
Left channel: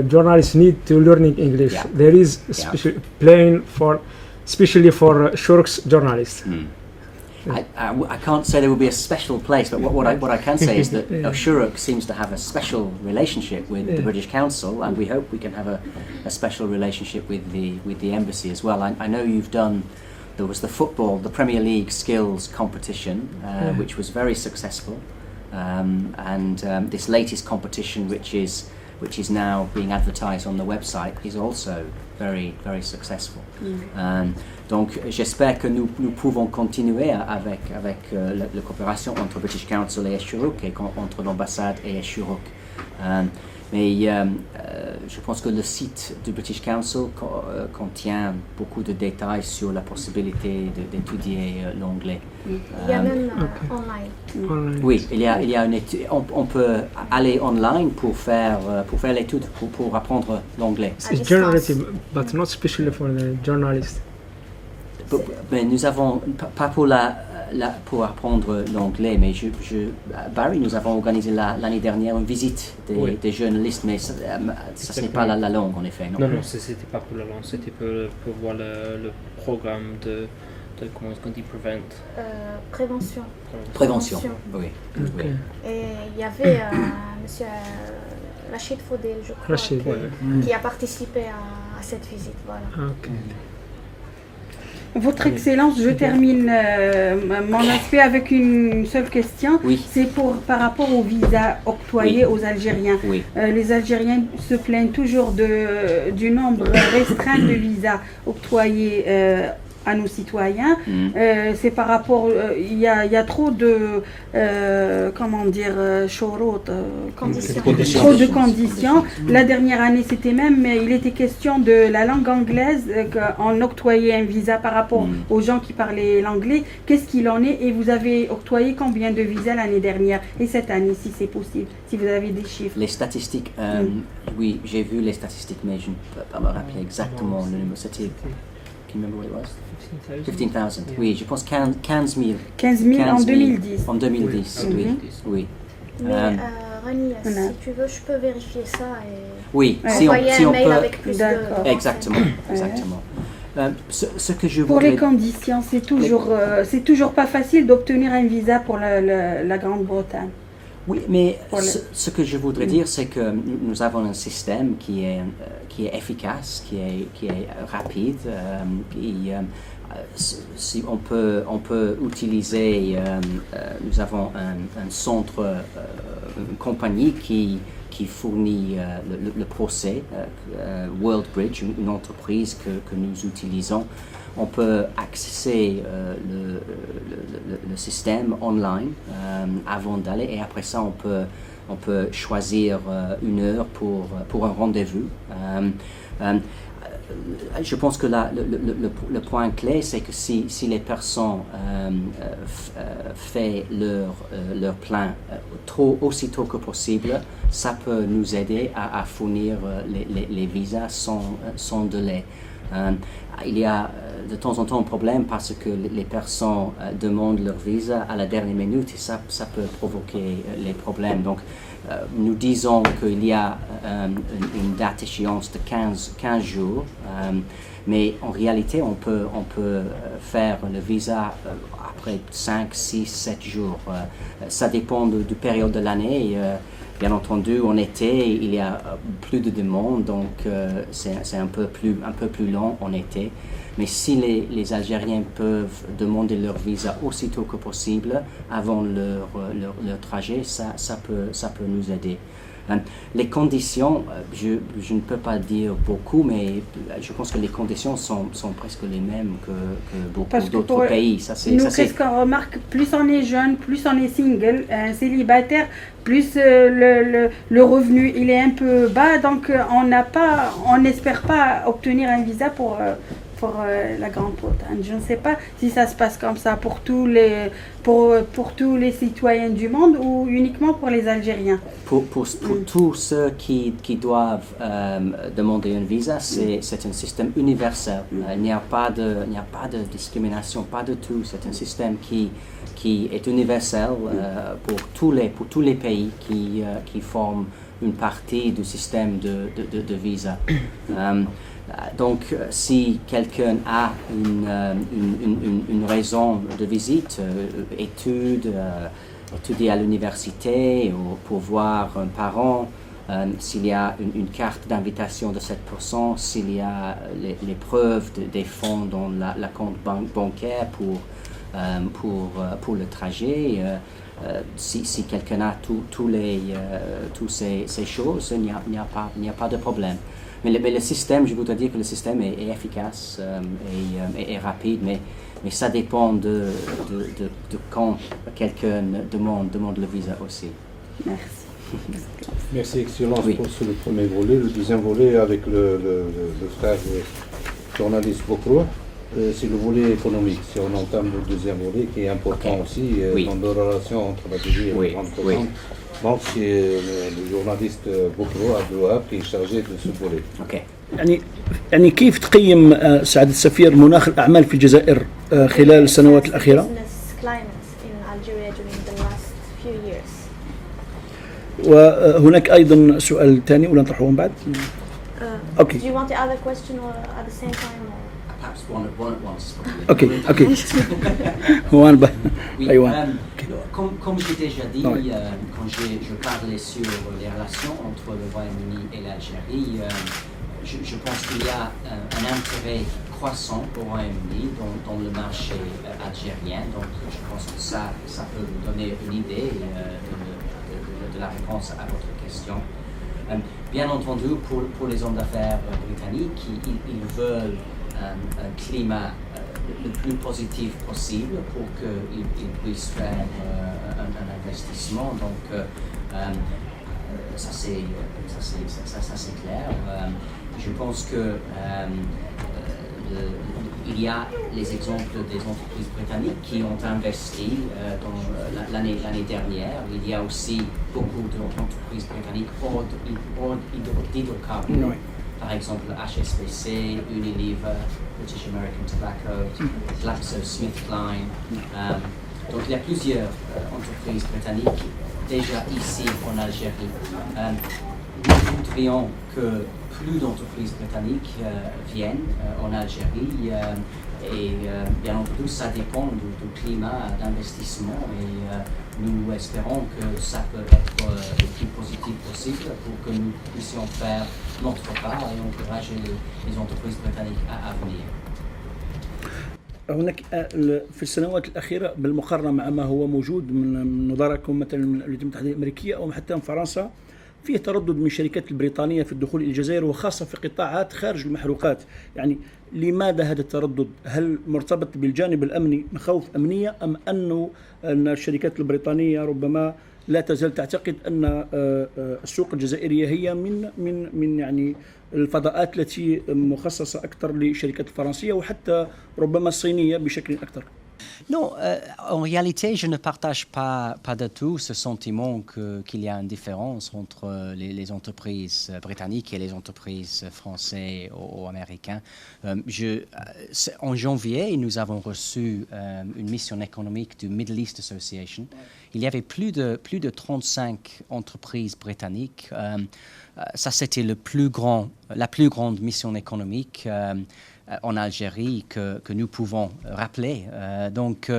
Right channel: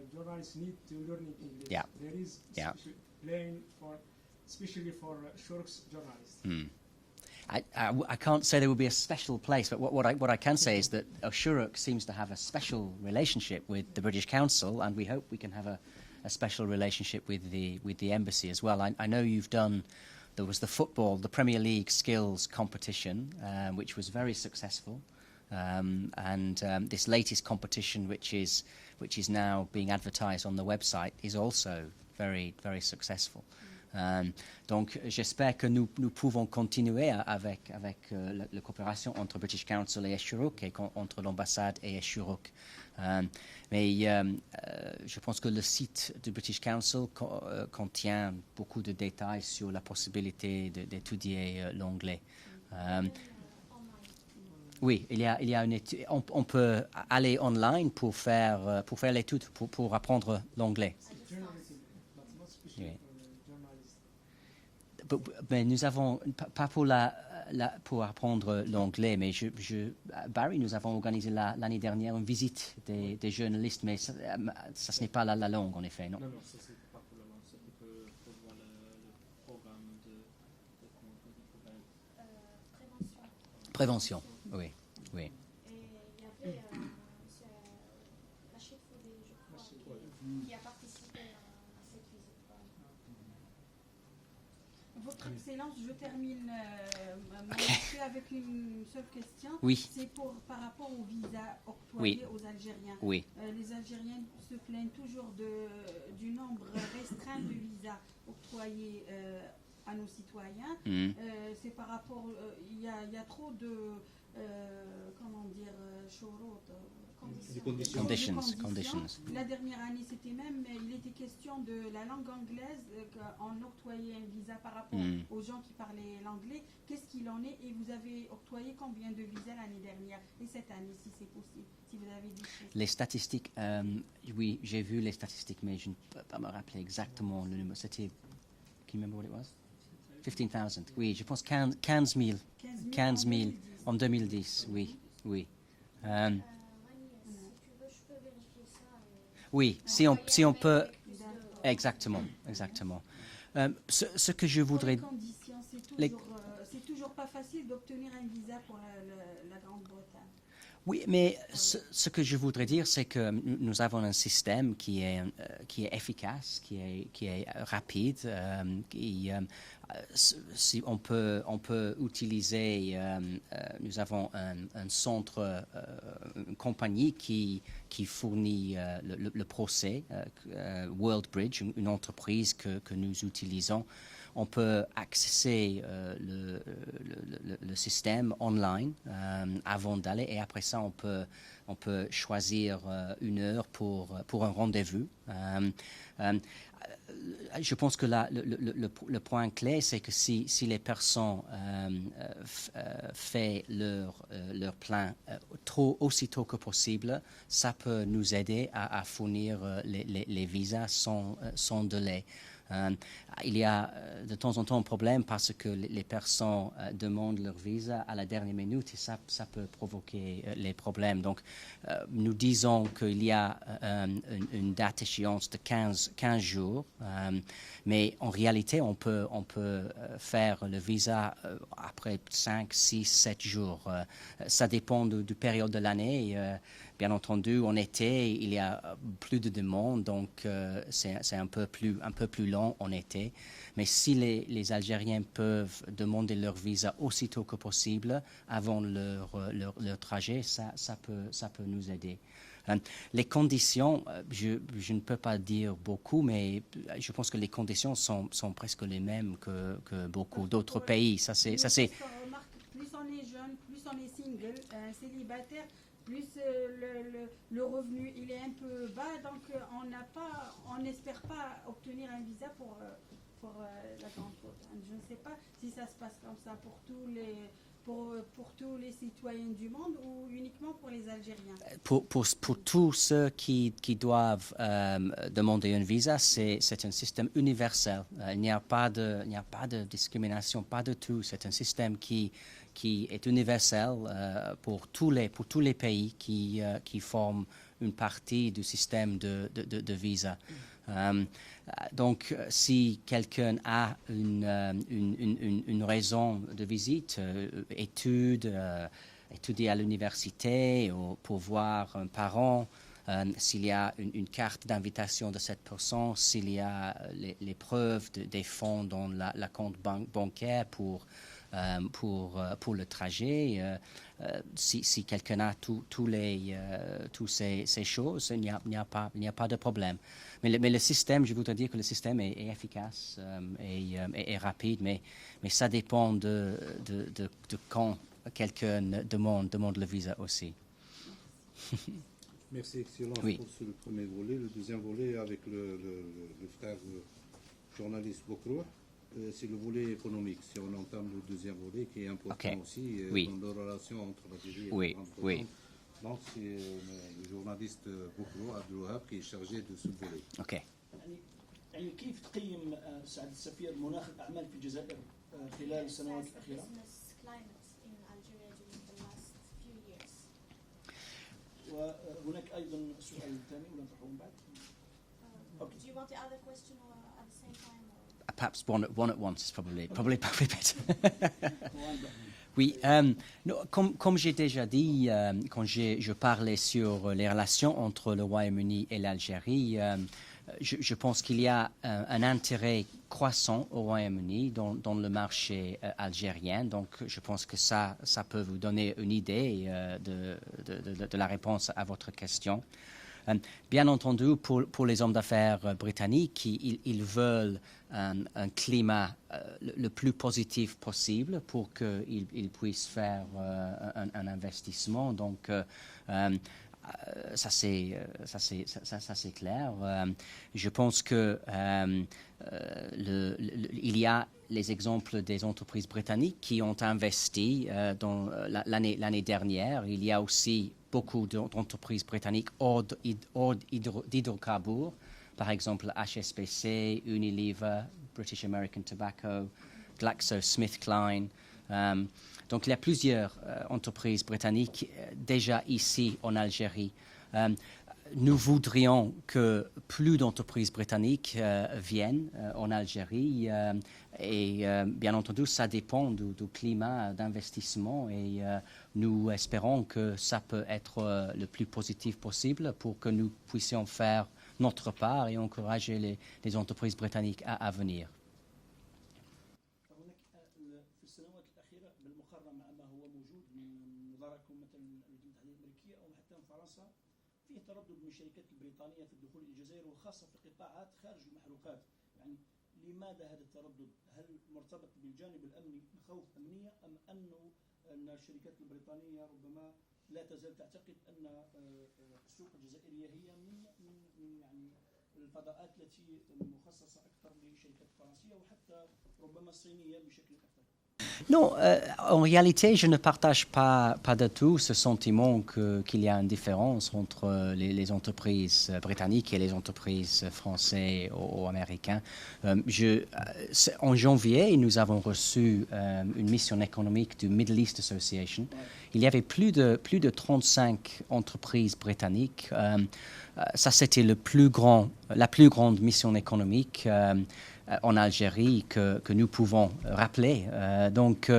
journalists need to learning English. Yeah. There is a special plane especially for Shuruq's journalists. I can't say there will be a special place, but what I can say is that Shuruq seems to have a special relationship with the British Council, and we hope we can have a special relationship with the embassy as well. I know there was the Premier League skills competition, which was very successful, and this latest competition, which is now being advertised on the website, is also very, very successful. Donc j'espère que nous pouvons continuer avec la coopération entre British Council et Shuruq et entre l'ambassade et Shuruq. Mais je pense que le site du British Council contient beaucoup de détails sur la possibilité d'étudier l'anglais. Il y a même online. Oui, il y a une étude. On peut aller online pour faire l'étude, pour apprendre l'anglais. It's generative, but not especially for the journalists. Mais nous avons, pas pour apprendre l'anglais, mais Barry, nous avons organisé l'année dernière une visite des journalistes, mais ça ce n'est pas la langue en effet, non? Non, c'était pas pour la langue, c'était pour voir le programme de comment est-ce qu'on dit, Prévention, oui. Et il y avait monsieur Rachid Fodel, je crois, qui a participé à cette visite, voilà. Votre Excellence, je termine mon aspect avec une seule question. C'est par rapport aux visas octroyés aux Algériens. Les Algériens se plaignent toujours du nombre restreint de visas octroyés à nos citoyens. C'est par rapport, il y a trop de, comment dire, trop de conditions. La dernière année, c'était même, il était question de la langue anglaise, qu'on octroyait un visa par rapport aux gens qui parlaient l'anglais. Qu'est-ce qu'il en est? Et vous avez octroyé combien de visas l'année dernière et cette année, si c'est possible, si vous avez des chiffres? Les statistiques, oui, j'ai vu les statistiques, mais je ne peux pas me rappeler exactement le numéro. C'était... Can you remember what it was? 15,000. Oui, je pense 15 000. 15 000 en 2010. En 2010, oui. Mais Rani, si tu veux, je peux vérifier ça et si on mail peut. Avec plus de... Exactement. Ce que je pour voudrais... les conditions, c'est toujours pas facile d'obtenir un visa pour la Grande-Bretagne. Oui, mais ce que je voudrais dire, c'est que nous avons un système qui est efficace, qui est rapide. Si on peut utiliser, nous avons un centre, une compagnie qui qui fournit le procès, WorldBridge, une entreprise que nous utilisons. On peut accéder le système online avant d'aller, et après ça on peut choisir une heure pour un rendez-vous. Je pense que le point clé, c'est que si les personnes font leur plan aussitôt que possible, ça peut nous aider à fournir les visas sans délai. Il y a de temps en temps un problème parce que les personnes demandent leur visa à la dernière minute et ça peut provoquer les problèmes. Donc, nous disons qu'il y a une date échéance de 15 jours, mais en réalité, on peut faire le visa après 5, 6, 7 jours. Ça dépend du période de l'année. Bien entendu, en été, il y a plus de demandes, donc c'est un peu plus long en été. Mais si les Algériens peuvent demander leur visa aussitôt que possible, avant leur trajet, ça peut nous aider. Les conditions, je ne peux pas dire beaucoup, mais je pense que les conditions sont presque les mêmes que beaucoup d'autres pays. Qu'est-ce qu'on remarque, plus on est jeune, plus on est single, célibataire, plus le revenu il est un peu bas, donc on n'espère pas obtenir un visa pour la Grande-Bretagne. Je ne sais pas si ça se passe comme ça pour tous les citoyens du monde ou uniquement pour les Algériens. Pour tous ceux qui doivent demander un visa, c'est un système universel. Il n'y a pas de discrimination, pas du tout. C'est un système qui est universel pour tous les pays qui forment une partie du système de visa. Donc, si quelqu'un a une raison de visite, étudier à l'université ou pour voir un parent, s'il y a une carte d'invitation de 7%, s'il y a les preuves des fonds dans la compte bancaire pour le trajet, si quelqu'un a toutes ces choses, il n'y a pas de problème. Mais le système, je voudrais dire que le système est efficace et rapide, mais ça dépend de quand quelqu'un demande le visa aussi. Merci. Merci, Excellence, oui. pour le premier volet. Le deuxième volet avec le frère journaliste Bokro, c'est le volet économique. Si on entame le deuxième volet, qui est important aussi oui. dans les relations entre l'Algérie et la Grande-Bretagne. Donc c'est le journaliste Bokro Abdouhab qui est chargé de ce volet. Okay. يعني كيف تقيم سعادة السفير مناخ الأعمال في الجزائر خلال السنوات الأخيرة؟ وهناك أيضا سؤال ثاني ولا نطرحه من بعد؟ Okay. Do you want the other question or at the same time? Perhaps one at once. Okay. One by one. Comme j'ai déjà dit, quand je parlais sur les relations entre le Royaume-Uni et l'Algérie, je pense qu'il y a un intérêt croissant au Royaume-Uni dans le marché algérien. Donc je pense que ça peut vous donner une idée de la réponse à votre question. Bien entendu, pour les hommes d'affaires britanniques, ils veulent un climat le plus positif possible pour qu'ils puissent faire un investissement. Donc, ça c'est clair. Je pense que il y a les exemples des entreprises britanniques qui ont investi dans l'année dernière. Il y a aussi beaucoup d'entreprises britanniques hors d'hydrocarbures. Par exemple, HSBC, Unilever, British American Tobacco, GlaxoSmithKline. Donc il y a plusieurs entreprises britanniques déjà ici en Algérie. Nous voudrions que plus d'entreprises britanniques viennent en Algérie et bien entendu ça dépend du climat d'investissement et nous espérons que ça peut être le plus positif possible pour que nous puissions faire notre part et encourager les entreprises britanniques à venir. هناك في السنوات الأخيرة بالمقارنة مع ما هو موجود من نظركم مثلا من الولايات المتحدة الأمريكية أو حتى من فرنسا فيه تردد من الشركات البريطانية في الدخول إلى الجزائر وخاصة في قطاعات خارج المحروقات. يعني لماذا هذا التردد؟ هل مرتبط بالجانب الأمني، مخاوف أمنية، أم أن الشركات البريطانية ربما لا تزال تعتقد أن السوق الجزائرية هي من يعني الفضاءات التي مخصصة أكثر للشركات الفرنسية وحتى ربما الصينية بشكل أكثر؟ Non, en réalité, je ne partage pas du tout ce sentiment qu'il y a une différence entre les entreprises britanniques et les entreprises françaises ou américaines. En janvier, nous avons reçu une mission économique du Middle East Association. Il y avait plus de 35 entreprises britanniques. Ça, c'était la plus grande mission économique en Algérie que nous pouvons rappeler. Donc,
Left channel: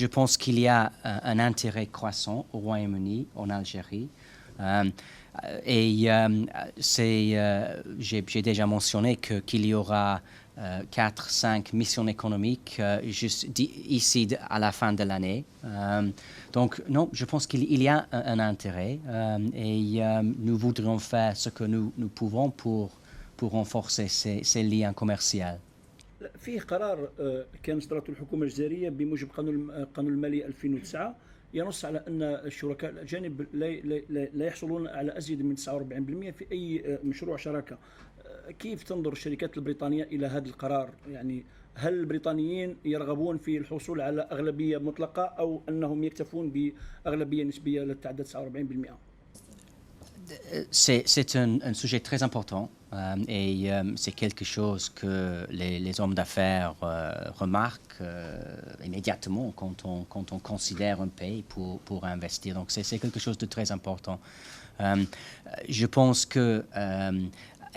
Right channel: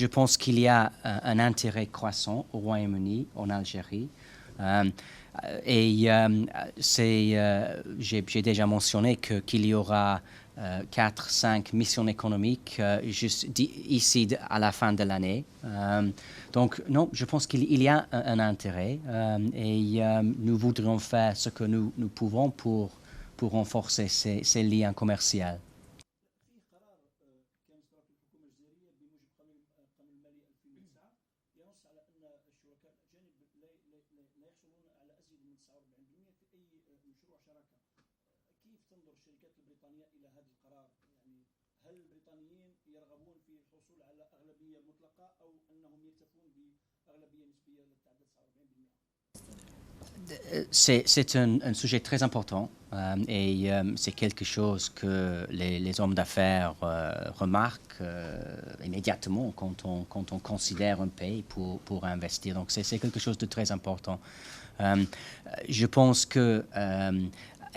je pense qu'il y a un intérêt croissant au Royaume-Uni, en Algérie. J'ai déjà mentionné qu'il y aura 4-5 missions économiques juste ici à la fin de l'année. Donc, non, je pense qu'il y a un intérêt et nous voudrions faire ce que nous pouvons pour renforcer ces liens commerciaux. فيه قرار كان صدرته الحكومة الجزائرية بموجب قانون المالي 2009 ينص على أن الشركاء الأجانب لا يحصلون على أزيد من 49% في أي مشروع شراكة. كيف تنظر الشركات البريطانية إلى هذا القرار؟ يعني هل البريطانيين يرغبون في الحصول على أغلبية مطلقة أو أنهم يكتفون بأغلبية نسبية لا تتعدى 49%؟ C'est un sujet très important et c'est quelque chose que les hommes d'affaires remarquent immédiatement quand on considère un pays pour investir. Donc c'est quelque chose de très important. Je pense que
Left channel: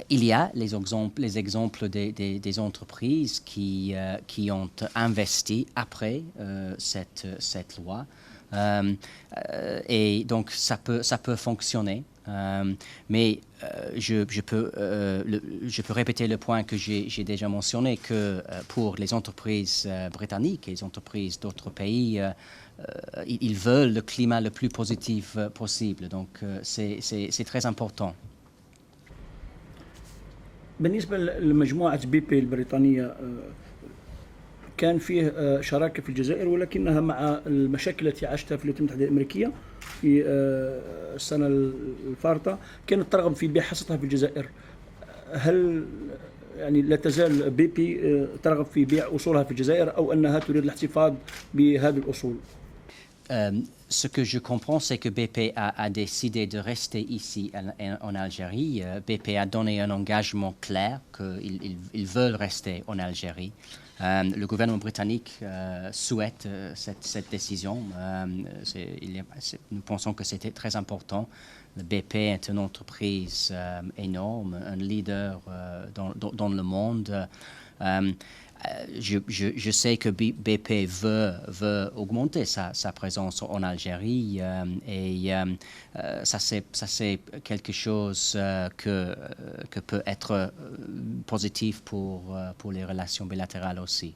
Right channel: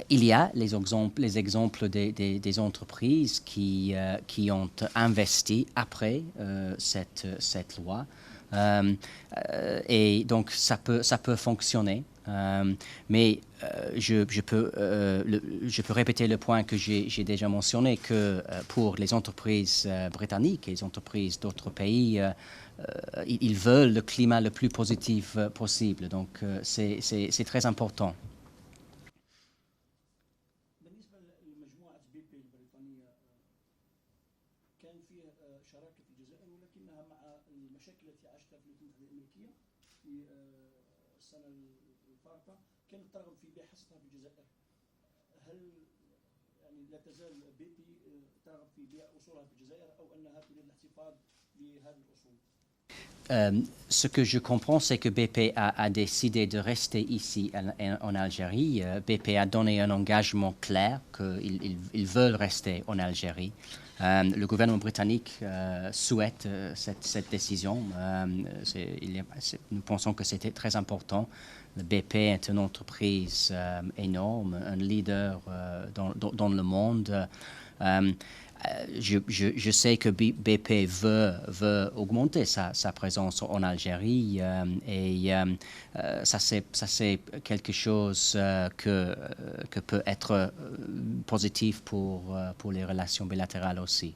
il y a les exemples des entreprises qui ont investi après cette loi. Et donc ça peut fonctionner. Mais je peux répéter le point que j'ai déjà mentionné, que pour les entreprises britanniques et les entreprises d'autres pays, ils veulent le climat le plus positif possible. Donc c'est très important. بالنسبة لمجموعة بي بي البريطانية كان فيه شراكة في الجزائر ولكنها مع المشاكل التي عاشتها في الولايات المتحدة الأمريكية في السنة الفارطة كانت ترغب في بيع حصتها في الجزائر. هل يعني لا تزال بي بي ترغب في بيع أصولها في الجزائر أو أنها تريد الاحتفاظ بهذه الأصول؟ Ce que je comprends, c'est que BP a décidé de rester ici en Algérie. BP a donné un engagement clair qu'ils veulent rester en Algérie. Le gouvernement britannique souhaite cette décision. Nous pensons que c'était très important. Le BP est une entreprise énorme, un leader dans le monde. Je sais que BP veut augmenter sa présence en Algérie et ça c'est quelque chose que peut être positif pour les relations bilatérales aussi.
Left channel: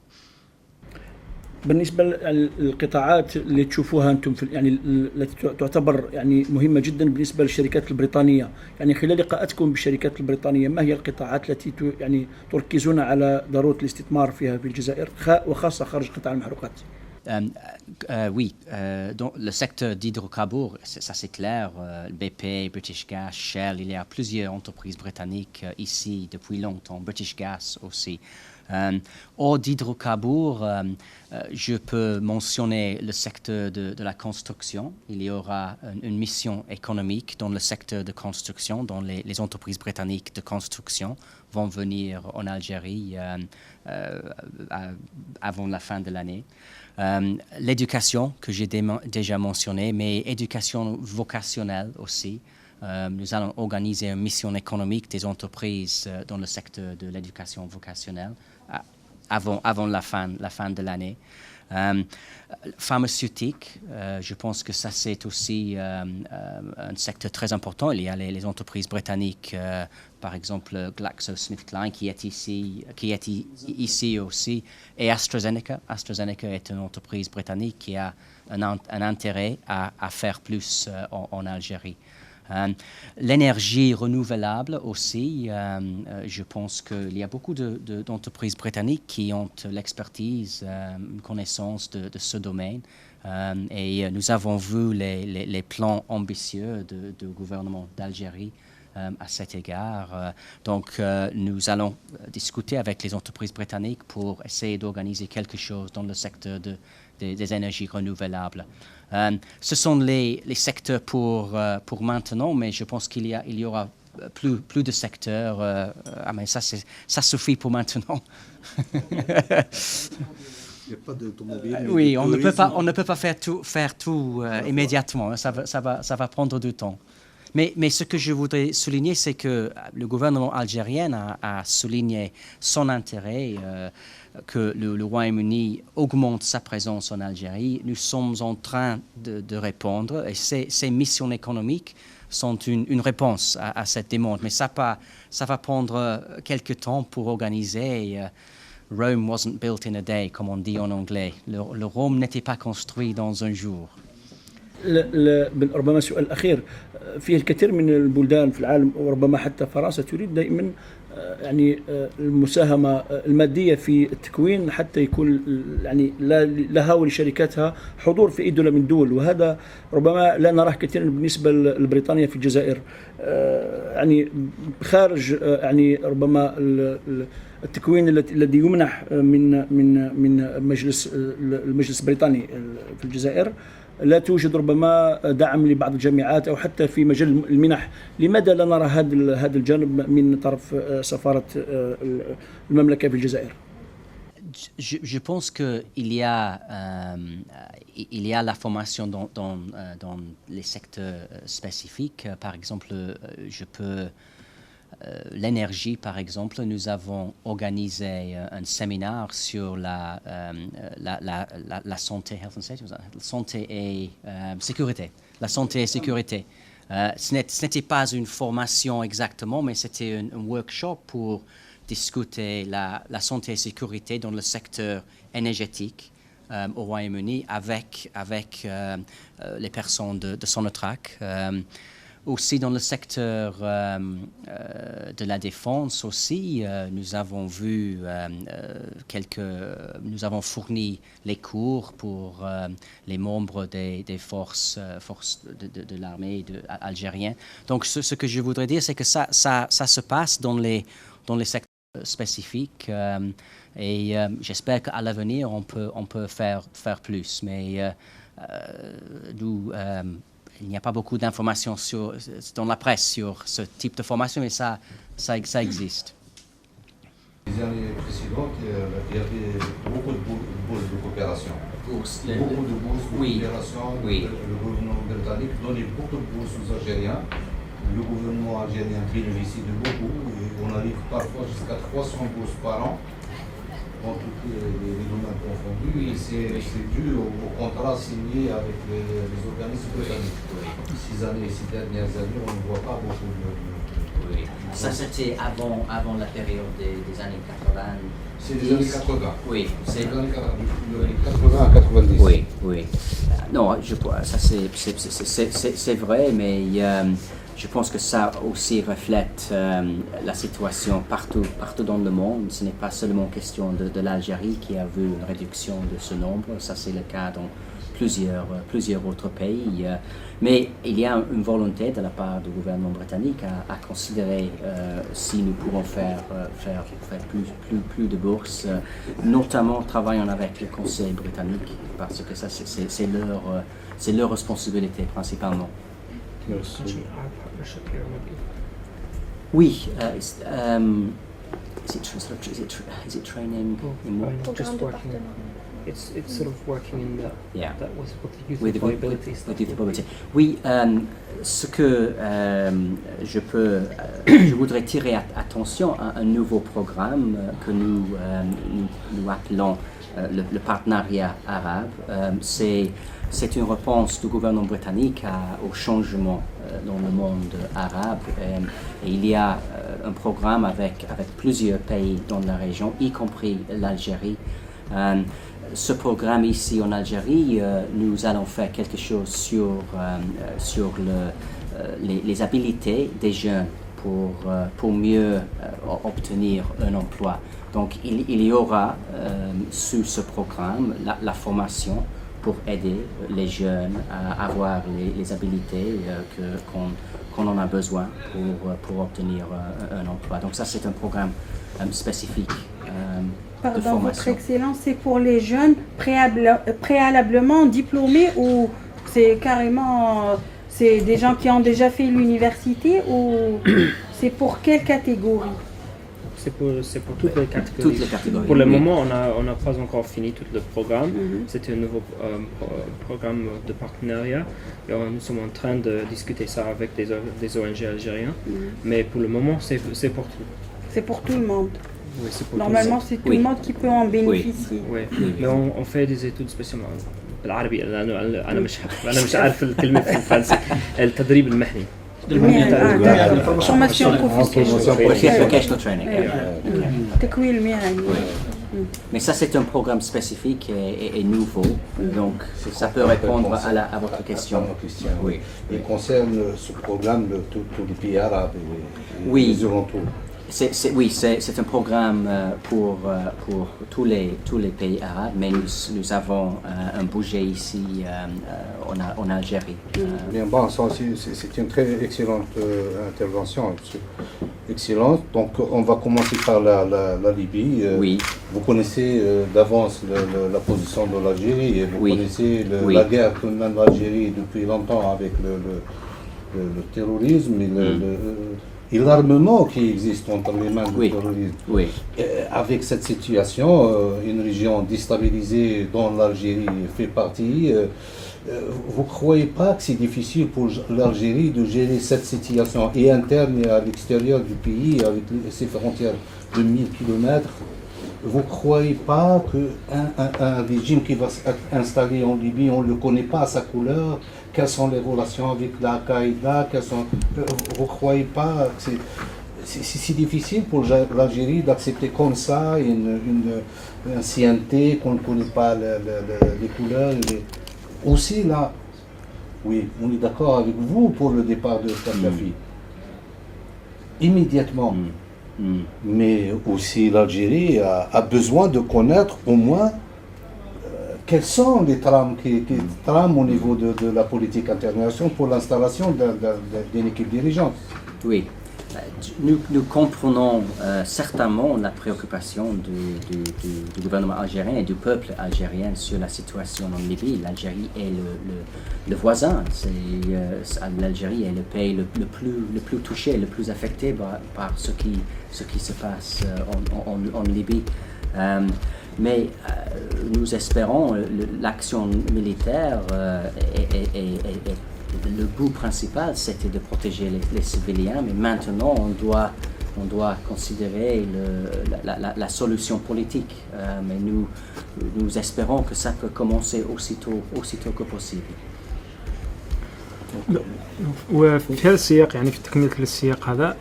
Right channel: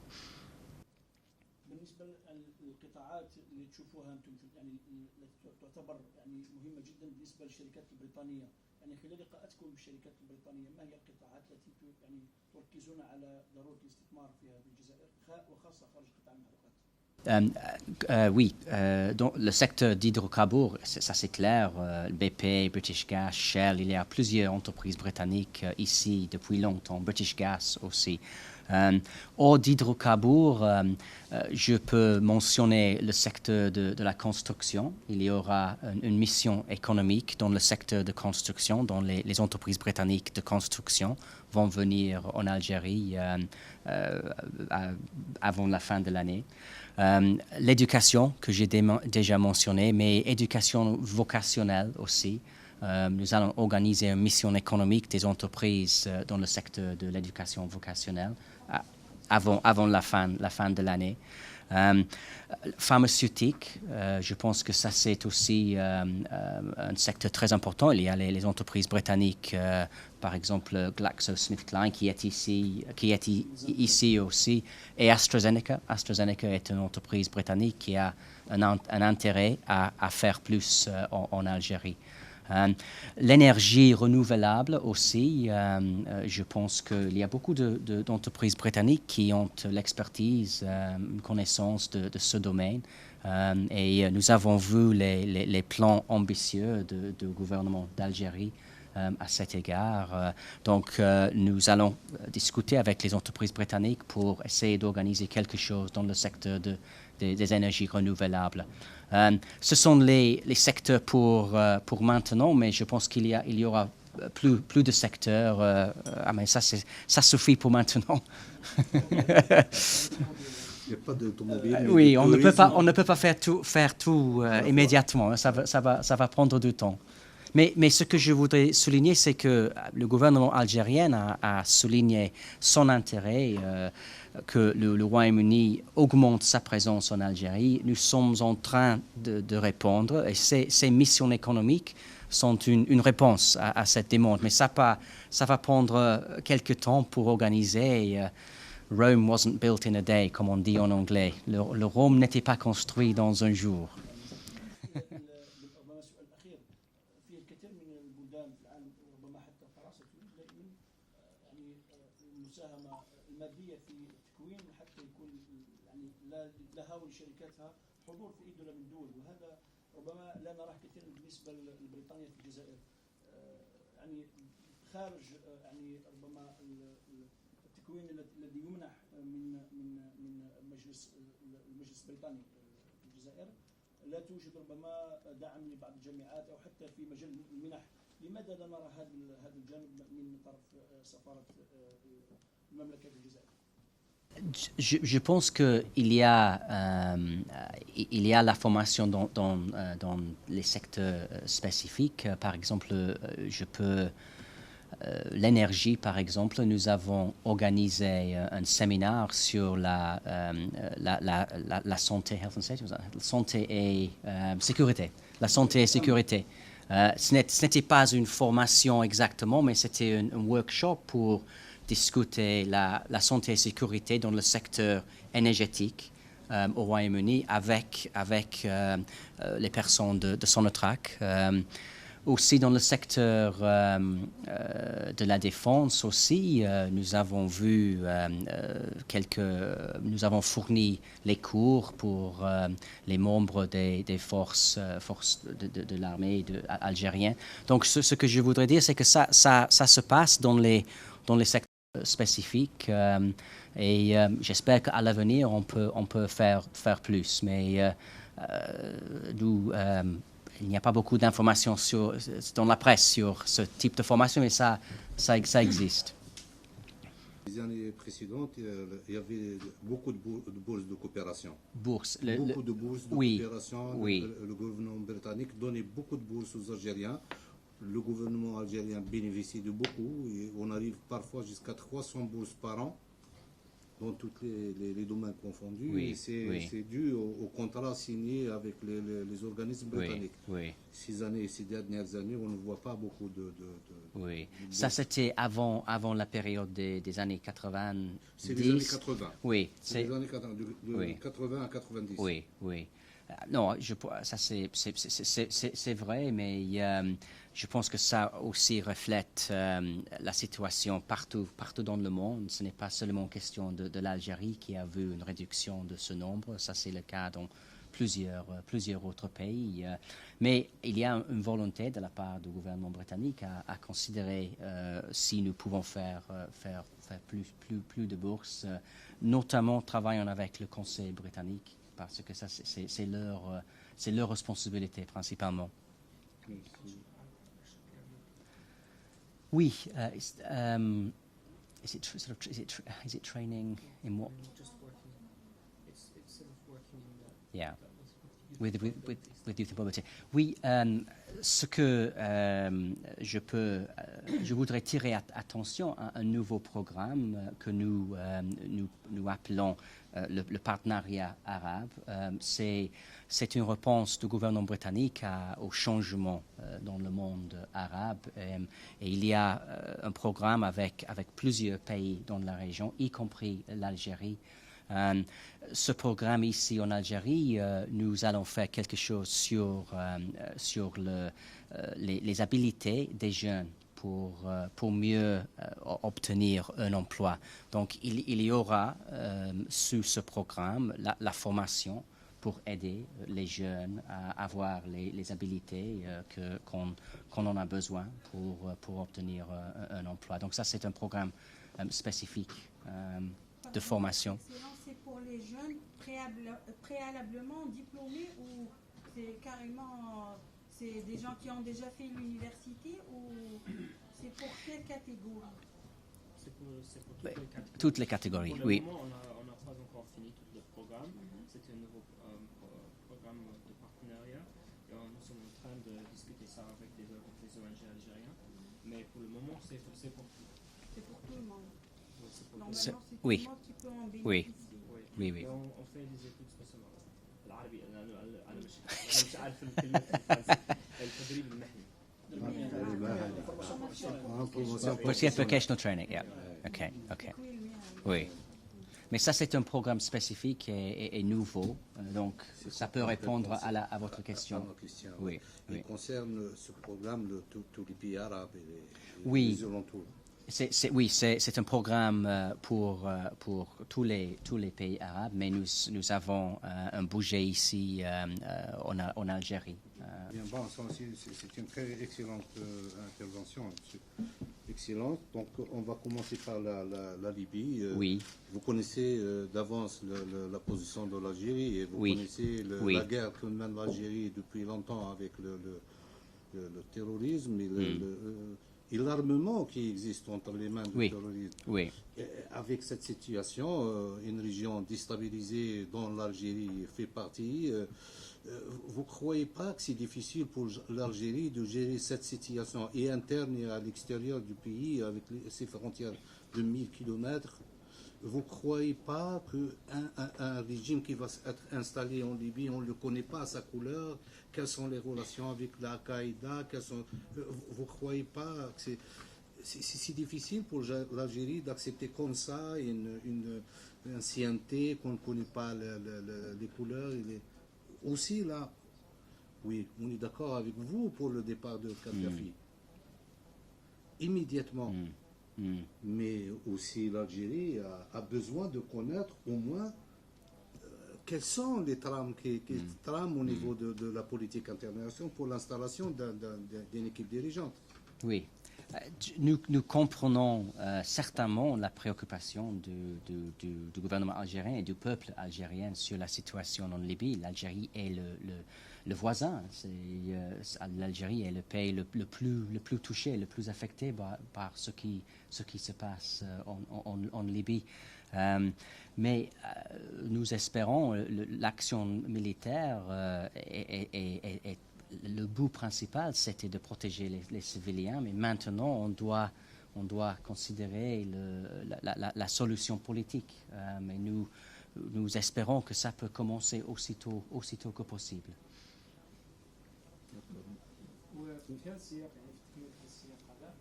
بالنسبة للقطاعات اللي تشوفوها أنتم في يعني التي تعتبر يعني مهمة جدا بالنسبة للشركات البريطانية، يعني خلال لقاءاتكم بالشركات البريطانية ما هي القطاعات التي يعني تركزون على ضرورة الاستثمار فيها في الجزائر وخاصة خارج قطاع المحروقات؟ Oui, donc le secteur d'hydrocarbures, ça c'est clair, BP, British Gas, Shell, il y a plusieurs entreprises britanniques ici depuis longtemps, British Gas aussi. Hors d'hydrocarbures, je peux mentionner le secteur de la construction. Il y aura une mission économique dans le secteur de construction, dont les entreprises britanniques de construction vont venir en Algérie avant la fin de l'année. L'éducation, que j'ai déjà mentionné, mais éducation vocationnelle aussi. Nous allons organiser une mission économique des entreprises dans le secteur de l'éducation vocationnelle avant la fin de l'année. Pharmaceutique, je pense que ça c'est aussi un secteur très important. Il y a les entreprises britanniques, par exemple GlaxoSmithKline qui est ici aussi, et AstraZeneca. AstraZeneca est une entreprise britannique qui a un intérêt à faire plus en Algérie. L'énergie renouvelable aussi, je pense qu'il y a beaucoup d'entreprises britanniques qui ont l'expertise, une connaissance de ce domaine. Et nous avons vu les plans ambitieux du gouvernement d'Algérie à cet égard. Donc, nous allons discuter avec les entreprises britanniques pour essayer d'organiser quelque chose dans le secteur des énergies renouvelables. Ce sont les secteurs pour maintenant, mais je pense qu'il y aura plus de secteurs. Mais ça suffit pour maintenant. Il n'y a pas d'automobile. Oui, on ne peut pas faire tout immédiatement. Ça va prendre du temps. Mais ce que je voudrais souligner, c'est que le gouvernement algérien a souligné son intérêt que le Royaume-Uni augmente sa présence en Algérie. Nous sommes en train de répondre et ces missions économiques sont une réponse à cette demande. Mais ça va prendre quelques temps pour organiser. Rome wasn't built in a day, comme on dit en anglais. Le Rome n'était pas construit dans un jour. ربما السؤال الأخير فيه الكثير من البلدان في العالم وربما حتى فرنسا تريد دائما يعني المساهمة المادية في التكوين حتى يكون يعني لها ولشركاتها حضور في أي دولة من الدول، وهذا ربما لا نراه كثيرا بالنسبة لبريطانيا في الجزائر. يعني خارج يعني ربما التكوين الذي يمنح من المجلس البريطاني في الجزائر، لا توجد ربما دعم لبعض الجامعات أو حتى في مجال المنح. لماذا لا نرى هذا الجانب من طرف سفارة المملكة في الجزائر؟ Je pense qu'il y a la formation dans les secteurs spécifiques. Par exemple, l'énergie, par exemple, nous avons organisé un séminaire sur la santé, health and safety, santé et sécurité. La santé et sécurité. Ce n'était pas une formation exactement, mais c'était un workshop pour discuter la santé et sécurité dans le secteur énergétique au Royaume-Uni avec les personnes de Sonatrach. Aussi dans le secteur de la défense aussi, nous avons vu nous avons fourni les cours pour les membres des forces de l'armée algérienne. Donc ce que je voudrais dire, c'est que ça se passe dans les secteurs spécifiques et j'espère qu'à l'avenir on peut faire plus. Mais il n'y a pas beaucoup d'informations dans la presse sur ce type de formation, mais ça existe. Les années précédentes, il y avait beaucoup de bourses de coopération. Beaucoup de bourses de coopération. Oui. Le gouvernement britannique donnait beaucoup de bourses aux Algériens. Le gouvernement algérien bénéficie de beaucoup. Et on arrive parfois jusqu'à 300 bourses par an, dans tous les domaines confondus, et c'est dû au contrat signé avec les organismes britanniques. 6 dernières années, on ne voit pas beaucoup de... Oui. Ça, c'était avant la période des années 80. C'est des années 80. Oui. C'est des années 80 à 90. Oui. Non, ça c'est vrai, mais je pense que ça aussi reflète la situation partout dans le monde. Ce n'est pas seulement question de l'Algérie qui a vu une réduction de ce nombre. Ça, c'est le cas dans plusieurs autres pays. Mais il y a une volonté de la part du gouvernement britannique à considérer si nous pouvons faire plus de bourses, notamment travaillant avec le Conseil britannique, parce que ça, c'est leur responsabilité principalement. Merci. Oui. Is it training in what? Just working. It's sort of working in that was what the youth With employability the youth employability. Oui, ce que je voudrais tirer attention à un nouveau programme que nous appelons le partenariat arabe. C'est une réponse du gouvernement britannique au changement dans le monde arabe. Et il y a un programme avec plusieurs pays dans la région, y compris l'Algérie. Ce programme ici en Algérie, nous allons faire quelque chose sur les habilités des jeunes pour mieux obtenir un emploi. Donc il y aura sous ce programme la formation pour aider les jeunes à avoir les habilités qu'on en a besoin pour obtenir un emploi. Donc ça, c'est un programme spécifique de Pardon, formation. Votre Excellence, c'est pour les jeunes préalablement diplômés ou c'est carrément c'est des gens qui ont déjà fait l'université ou c'est pour quelle catégorie? C'est pour toutes les catégories. Toutes les catégories. Pour le oui. moment, on n'a pas encore fini tout le programme. C'est un nouveau programme de partenariat. Et nous sommes en train de discuter ça avec des ONG algériens. Mais pour le moment, c'est pour tout. C'est pour tout le monde. Oui, c'est pour Normalement, c'est tout Oui. le monde qui peut en bénéficier. tout. Oui. Mais on fait des études spécialement بالعربي انا مش عارف الكلمه في الفرنسي التدريب المهني. Formation professionnelle. Vocational training. تكوين مهني. Mais ça, c'est un programme spécifique et nouveau. Donc, ça peut répondre à votre question. Oui. Il concerne ce programme tous les pays arabes et Oui. les alentours. Oui, c'est un programme pour tous les pays arabes, mais nous avons un budget ici en Algérie. Bien, bon, c'est une très excellente intervention. Excellente. Donc, on va commencer par la Libye. Oui. Vous connaissez d'avance la position de l'Algérie et vous Oui. connaissez Oui. la guerre que mène l'Algérie depuis longtemps avec le terrorisme et l'armement qui existe entre les mains du Oui. terrorisme. Oui. Avec cette situation, une région déstabilisée dont l'Algérie fait partie, vous ne croyez pas que c'est difficile pour l'Algérie de gérer cette situation et interne et à l'extérieur du pays avec ses frontières de 1000 km? Vous ne croyez pas qu'un régime qui va s'installer en Libye, on ne le connaît pas à sa couleur? Quelles sont les relations avec l'Al-Qaïda? Vous ne croyez pas que c'est si difficile pour l'Algérie d'accepter comme ça une ancienneté qu'on ne connaît pas les couleurs? Aussi là, oui, on est d'accord avec vous pour le départ de Kadhafi. Immédiatement. Mais aussi l'Algérie a besoin de connaître au moins quelles sont les trames qui trament au niveau de la politique internationale pour l'installation d'une équipe dirigeante. Oui. Nous comprenons certainement la préoccupation du gouvernement algérien et du peuple algérien sur la situation en Libye. L'Algérie est le voisin. L'Algérie est le pays le plus touché, le plus affecté par ce qui se passe en Libye. Mais nous espérons l'action militaire le but principal, c'était de protéger les civils, mais maintenant on doit considérer la solution politique. Mais nous espérons que ça peut commencer aussitôt que possible. وفي هذا السياق يعني في تكملة السياق هذا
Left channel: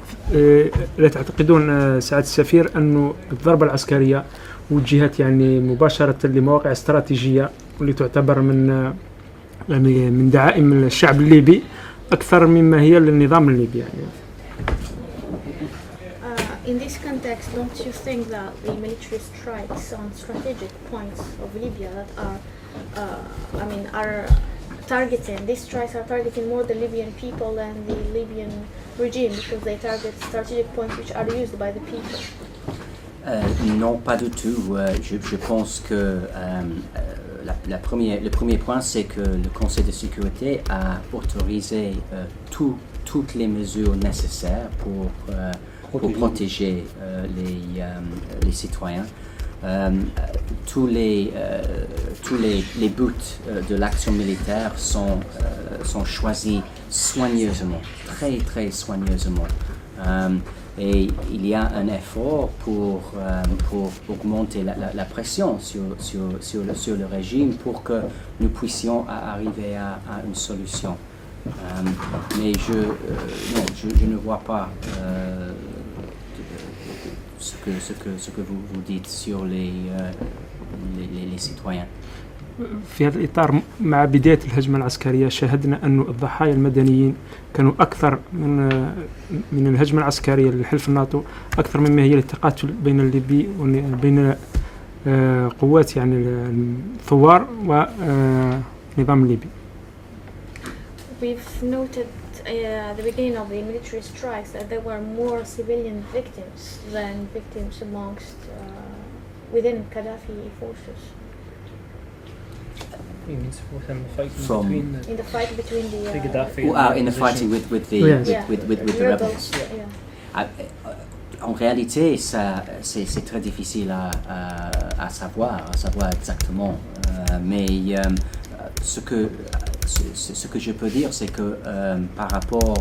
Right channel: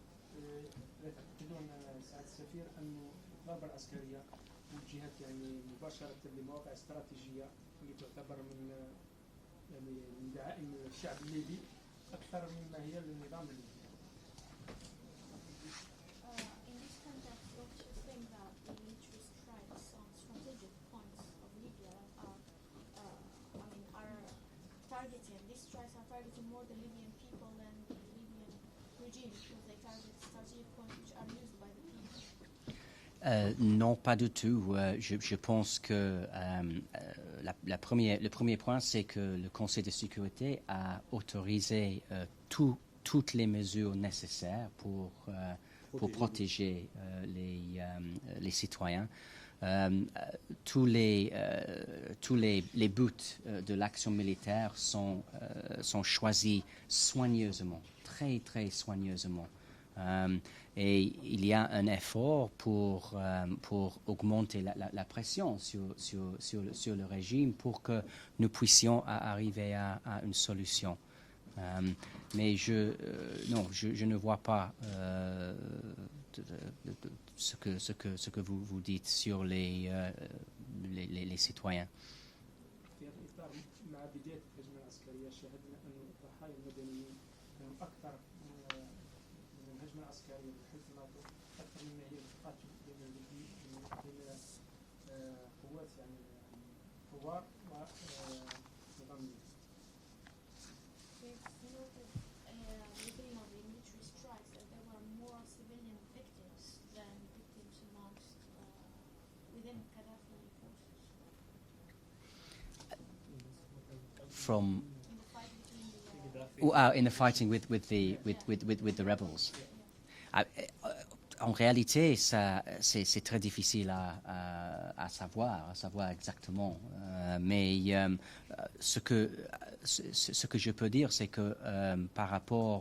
لا تعتقدون سعادة السفير أنه الضربة العسكرية وجهت يعني مباشرة لمواقع استراتيجية واللي تعتبر من دعائم الشعب الليبي أكثر مما هي للنظام الليبي يعني. In this context, don't you think that the military strikes on strategic points of Libya that are targeting, these strikes are targeting more the Libyan people than the Libyan regime because they target strategic points which are used by the people? Non, pas du tout. Je pense que le premier point, c'est que le Conseil de sécurité a autorisé toutes les mesures nécessaires pour protéger les citoyens. Tous les buts de l'action militaire sont choisis soigneusement, très très soigneusement. Et il y a un effort pour augmenter la pression sur le régime pour que nous puissions arriver à une solution. Mais je ne vois pas ce que vous dites sur les citoyens. في هذا الإطار مع بداية الهجمة العسكرية شاهدنا أن الضحايا المدنيين كانوا أكثر من الهجمة العسكرية للحلف الناتو أكثر مما هي التقاتل بين الليبي وبين قوات يعني الثوار ونظام الليبي. We've noted at the beginning of the military strikes that there were more civilian victims than victims amongst within Gaddafi forces. He means within the fight From- between In the fight between the Gaddafi Who and are in the opposition. fighting Yes. with the rebels. Yeah. En réalité, c'est très difficile à savoir exactement. Mais ce que je peux dire, c'est que par rapport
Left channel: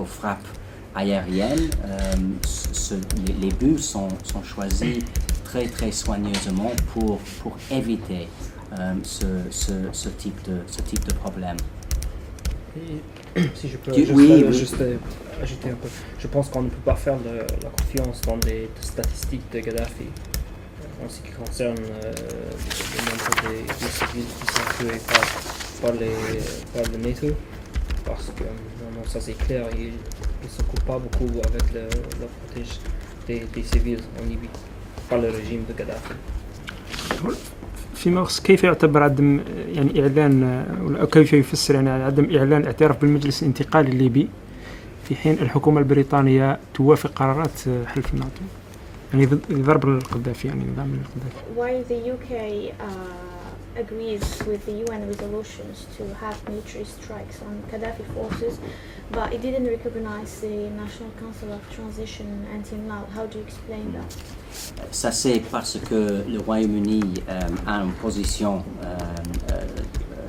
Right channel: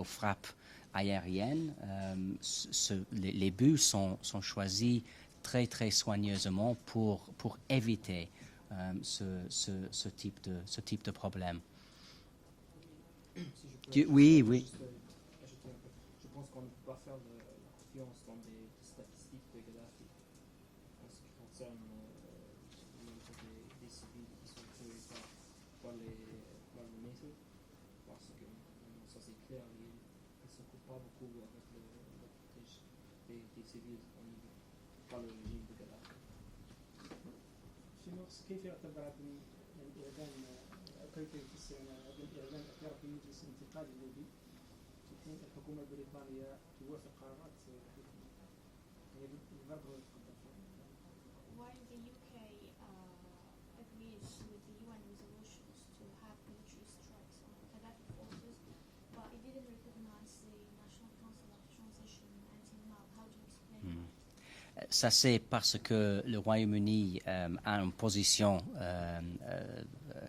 aux frappes aériennes, les buts sont choisis très très soigneusement pour éviter ce type de problème. Si je peux Oui, juste ajouter un peu, je pense qu'on ne peut pas faire la confiance dans les statistiques de Gaddafi en ce qui concerne le nombre des civils qui sont tués par le NATO, parce que non, ça c'est clair, ils ne s'occupent pas beaucoup avec le protège des civils en Libye par le régime de Gaddafi. في مغص كيف يعتبر عدم يعني إعلان أو كيف يفسر يعني عدم إعلان اعتراف بالمجلس الانتقالي الليبي في حين الحكومة البريطانية توافق قرارات حلف الناتو يعني ضرب القذافي يعني نظام القذافي. While the UK agrees with the UN resolutions to have military strikes on Gaddafi forces, but it didn't recognize the National Council of Transition until now. How do you explain that? Ça, c'est parce que le Royaume-Uni a une position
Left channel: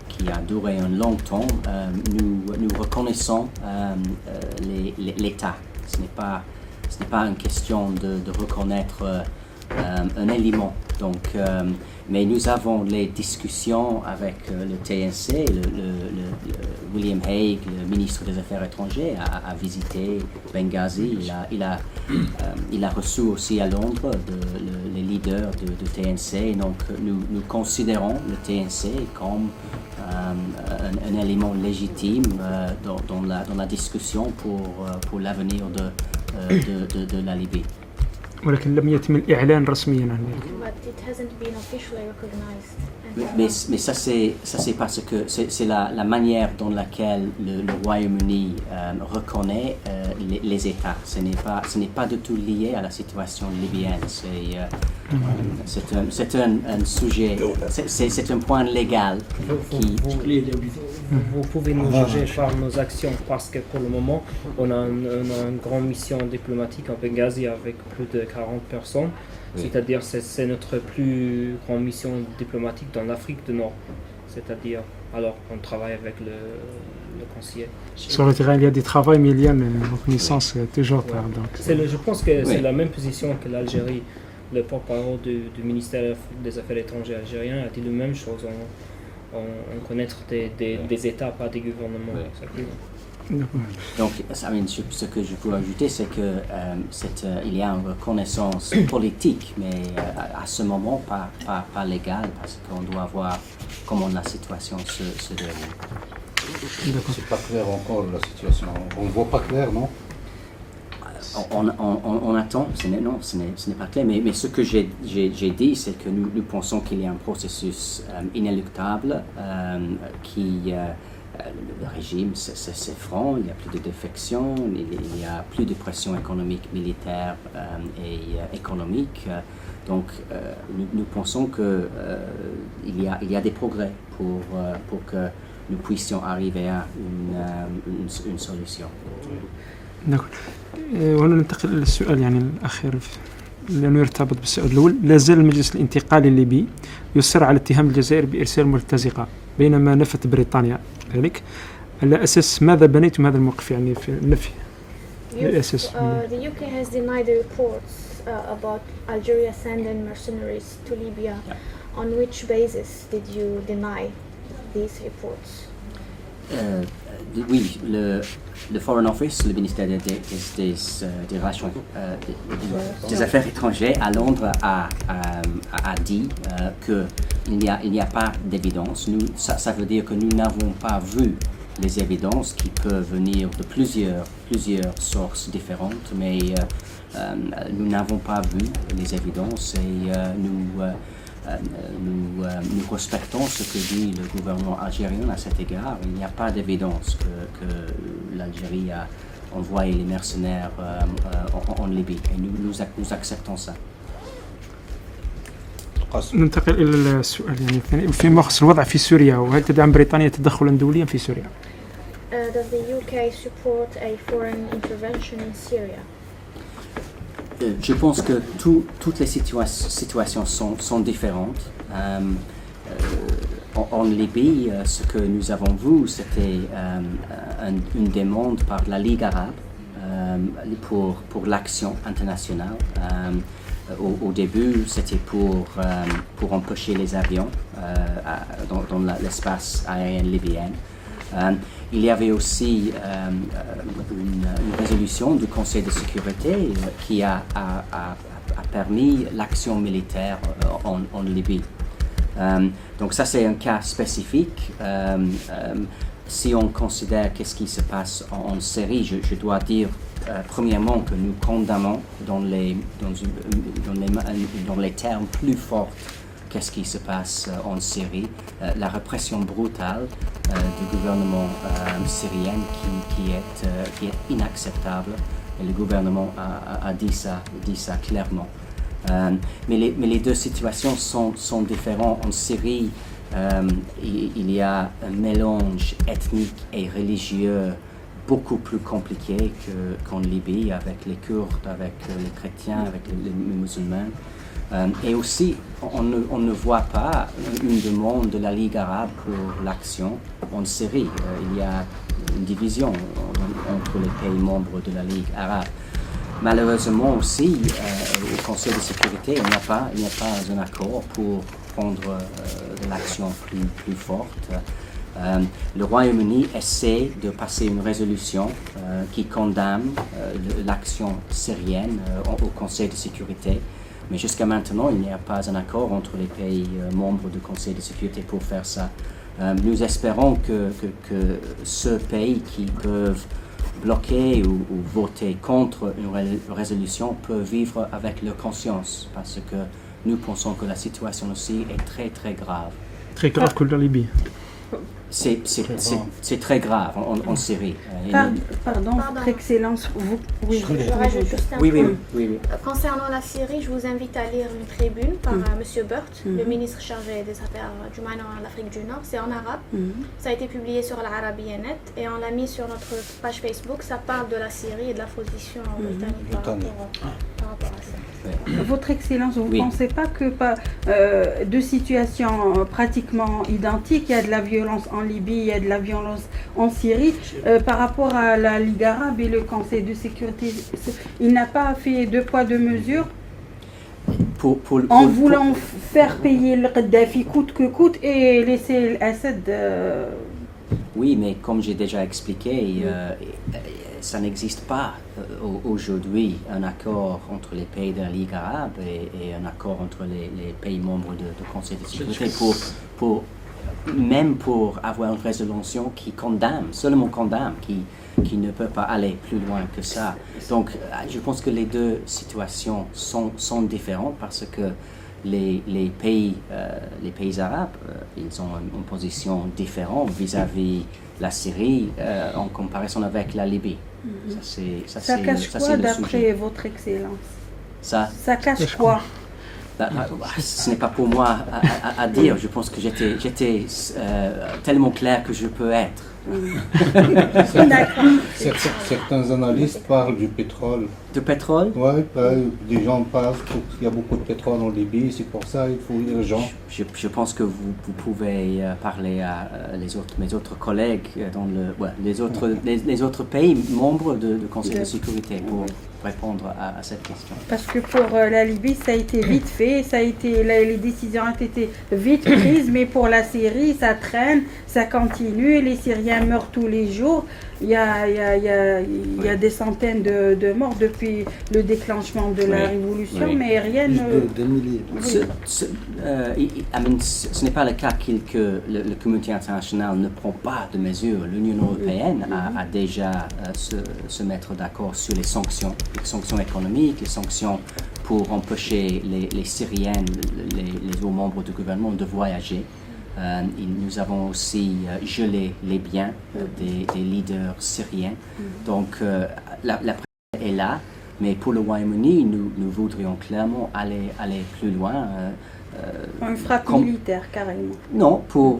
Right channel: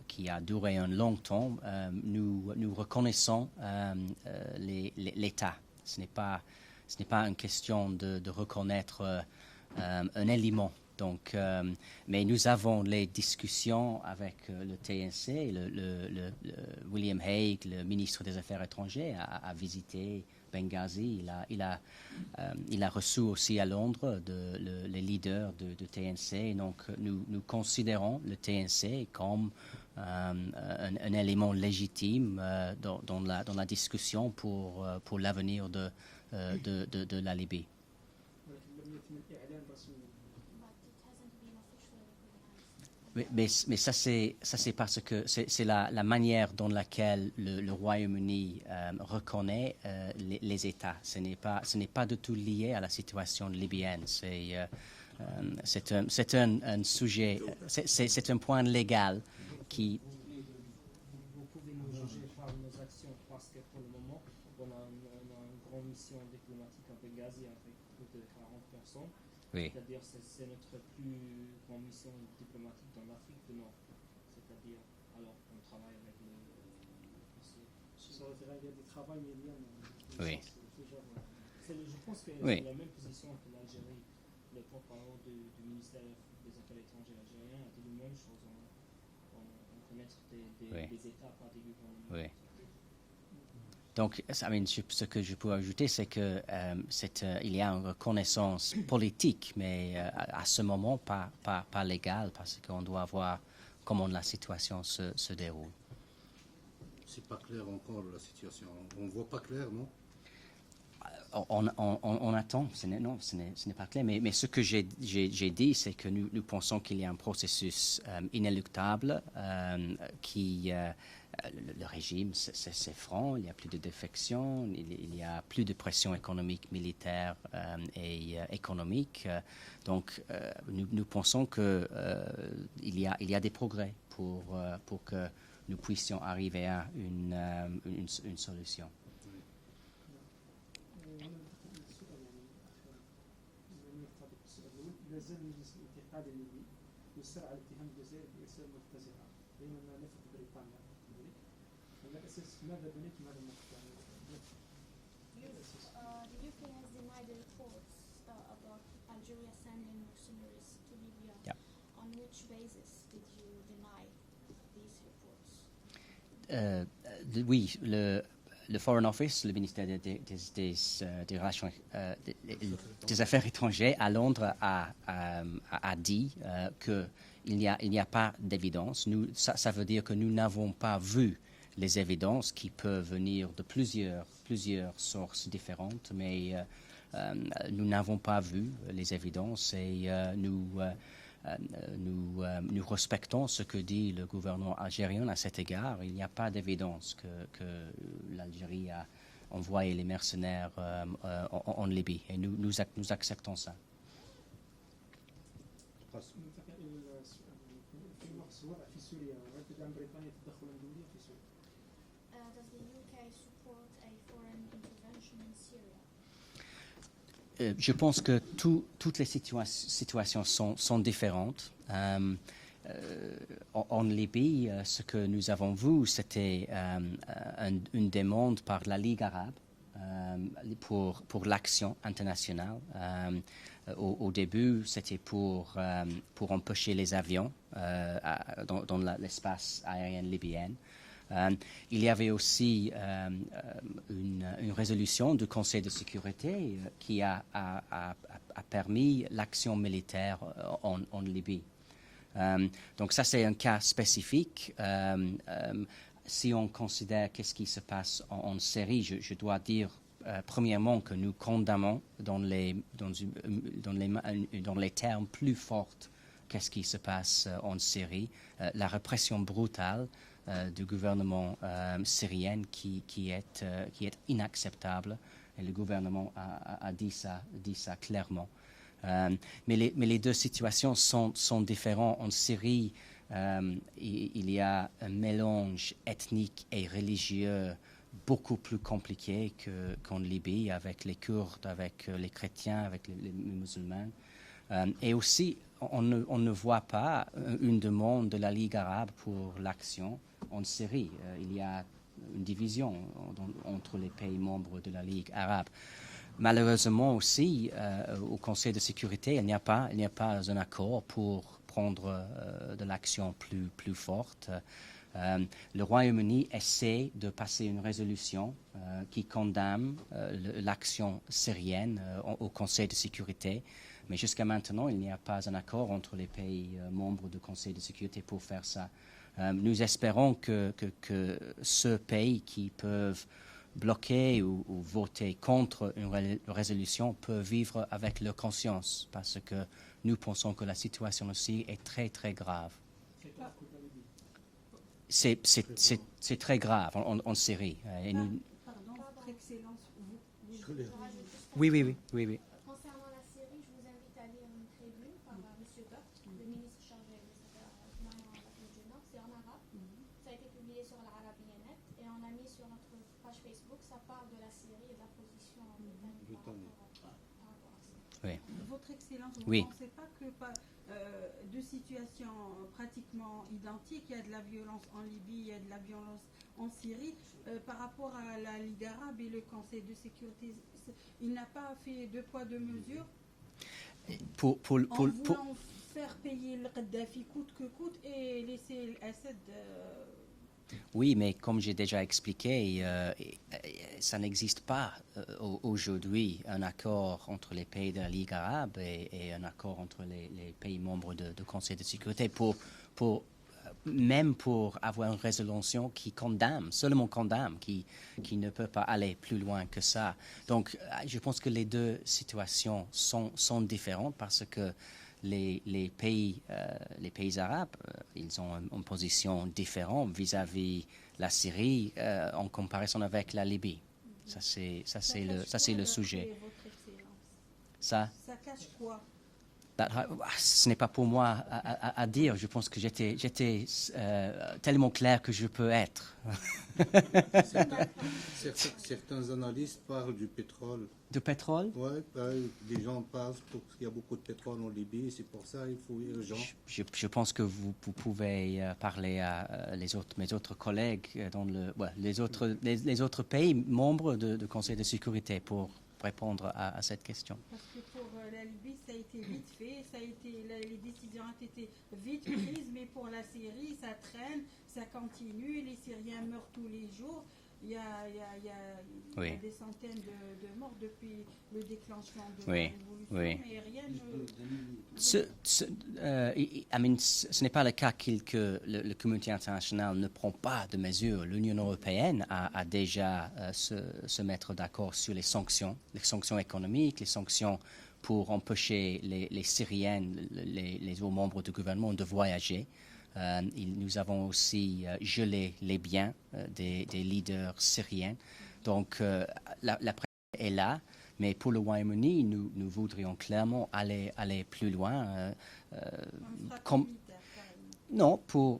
qui a duré un long temps. Nous reconnaissons l'État. Ce n'est pas une question de reconnaître un élément. Donc, mais nous avons les discussions avec le TNC. William Hague, le ministre des Affaires étrangères, a visité Benghazi. Il a reçu aussi à Londres les leaders de TNC. Donc, nous considérons le TNC comme un élément légitime dans la discussion pour l'avenir de la Libye. ولكن لم يتم الإعلان رسميا عن ذلك. But it hasn't been officially recognized. Mais ça c'est parce que c'est la manière dans laquelle le Royaume-Uni reconnaît les États. Ce n'est pas du tout lié à la situation libyenne. C'est un sujet, c'est un point légal qui. Vous pouvez nous juger par nos actions parce que pour le moment, on a une grande mission diplomatique en Benghazi avec plus de 40 personnes. Oui. C'est-à-dire c'est notre plus grande mission diplomatique dans l'Afrique du Nord. C'est-à-dire, alors on travaille avec le conseiller. Sur le terrain, il y a des travaux, mais il y a une reconnaissance toujours tard. Donc. Je pense que c'est Oui. la même position que l'Algérie. Le porte-parole du ministère des Affaires étrangères algérien a dit la même chose. On connaît des États, pas des gouvernements. Oui. Donc, ce que je peux ajouter, c'est que il y a une reconnaissance politique, mais à ce moment pas légale, parce qu'on doit voir comment la situation se déroule. C'est pas clair encore la situation. On voit pas clair, non? On attend, ce n'est pas clair, mais ce que j'ai dit, c'est que nous pensons qu'il y a un processus inéluctable qui... le régime s'effondre, il n'y a plus de défection, il y a plus de pression économique, militaire et économique. Donc nous pensons qu'il y a des progrès pour que nous puissions arriver à une solution. نعم. وهنا ننتقل للسؤال يعني الأخير لأنه يرتبط بالسؤال الأول. لا زال المجلس الانتقالي الليبي يصر على اتهام الجزائر بإرسال مرتزقة بينما نفت بريطانيا ذلك. على أساس ماذا بنيتم هذا الموقف يعني في النفي؟ The UK has denied the reports about Algeria sending mercenaries to Libya. Yeah. On which basis did you deny these reports? Oui, le Foreign Office, le ministère des Relations des Affaires étrangères à Londres a dit qu'il n'y a pas d'évidence. Ça veut dire que nous n'avons pas vu les évidences qui peuvent venir de plusieurs sources différentes, mais nous n'avons pas vu les évidences et nous respectons ce que dit le gouvernement algérien à cet égard. Il n'y a pas d'évidence que l'Algérie a envoyé les mercenaires en Libye et nous acceptons ça. ننتقل إلى السؤال يعني الثاني فيما يخص الوضع في سوريا وهل تدعم بريطانيا تدخلا دوليا في سوريا؟ Does the UK support a foreign intervention in Syria? Je pense que toutes les situations sont différentes. En Libye, ce que nous avons vu, c'était une demande par la Ligue arabe pour l'action internationale. Au début, c'était pour empêcher les avions dans l'espace aérien libyen. Il y avait aussi une résolution du Conseil de sécurité qui a permis l'action militaire en Libye. Donc ça, c'est un cas spécifique. Si on considère qu'est-ce qui se passe en Syrie, je dois dire premièrement que nous condamnons dans les termes plus forts qu'est-ce qui se passe en Syrie, la répression brutale du gouvernement syrien qui est inacceptable. Et le gouvernement a dit ça clairement. Mais les deux situations sont différentes. En Syrie, il y a un mélange ethnique et religieux beaucoup plus compliqué qu'en Libye, avec les Kurdes, avec les chrétiens, avec les musulmans. Et aussi, on ne voit pas une demande de la Ligue arabe pour l'action en Syrie. Il y a une division entre les pays membres de la Ligue arabe. Malheureusement aussi, au Conseil de sécurité, il n'y a pas un accord pour prendre de l'action plus forte. Le Royaume-Uni essaie de passer une résolution qui condamne l'action syrienne au Conseil de sécurité. Mais jusqu'à maintenant, il n'y a pas un accord entre les pays membres du Conseil de sécurité pour faire ça. Nous espérons que ce pays qui peuvent bloquer ou voter contre une résolution peut vivre avec leur conscience, parce que nous pensons que la situation aussi est très très grave. Très grave que la Libye. C'est très grave en Syrie. Pardon, Votre Excellence, vous... Oui, Je rajoute juste un Oui. point. Concernant la Syrie, je vous invite à lire une tribune par M. Burt, le ministre chargé des Affaires du Moyen-Orient et de l'Afrique du Nord. C'est en arabe. Ça a été publié sur l'Arabia.net et on l'a mis sur notre page Facebook. Ça parle de la Syrie et de la position britannique par rapport à ça. Votre Excellence, vous ne pensez pas que deux situations pratiquement identiques, il y a de la violence en Libye, il y a de la violence en Syrie, par rapport à la Ligue arabe et le Conseil de sécurité, il n'a pas fait deux poids, deux mesures en voulant faire payer le Kadhafi coûte que coûte et laisser Assad... Oui, mais comme j'ai déjà expliqué, ça n'existe pas aujourd'hui un accord entre les pays de la Ligue arabe et un accord entre les pays membres du Conseil de sécurité même pour avoir une résolution qui seulement condamne, qui ne peut pas aller plus loin que ça. Donc, je pense que les deux situations sont différentes parce que les pays arabes, ils ont une position différente vis-à-vis la Syrie en comparaison avec la Libye. Ça cache quoi d'après Votre Excellence? Ça cache quoi? Ce n'est pas pour moi à dire. Je pense que j'étais tellement clair que je peux être. Certains analystes parlent du pétrole. Du pétrole? Oui, des gens parlent qu'il y a beaucoup de pétrole en Libye, c'est pour ça qu'il faut urgent. Je pense que vous pouvez parler à mes autres collègues dans les autres pays membres du Conseil de sécurité répondre à cette question. Parce que pour la Libye, ça a été vite fait, les décisions ont été vite prises, mais pour la Syrie, ça traîne, ça continue, les Syriens meurent tous les jours. Il y a des centaines de morts depuis le déclenchement de la révolution, mais rien ne... Ce n'est pas le cas que la communauté internationale ne prend pas de mesures. L'Union européenne a déjà se mettre d'accord sur les sanctions économiques, les sanctions pour empêcher les Syriennes, les hauts membres du gouvernement de voyager. Nous avons aussi gelé les biens des leaders syriens. Donc la pression est là, mais pour le Royaume-Uni, nous voudrions clairement aller plus loin. Une frappe militaire, carrément. Non, pour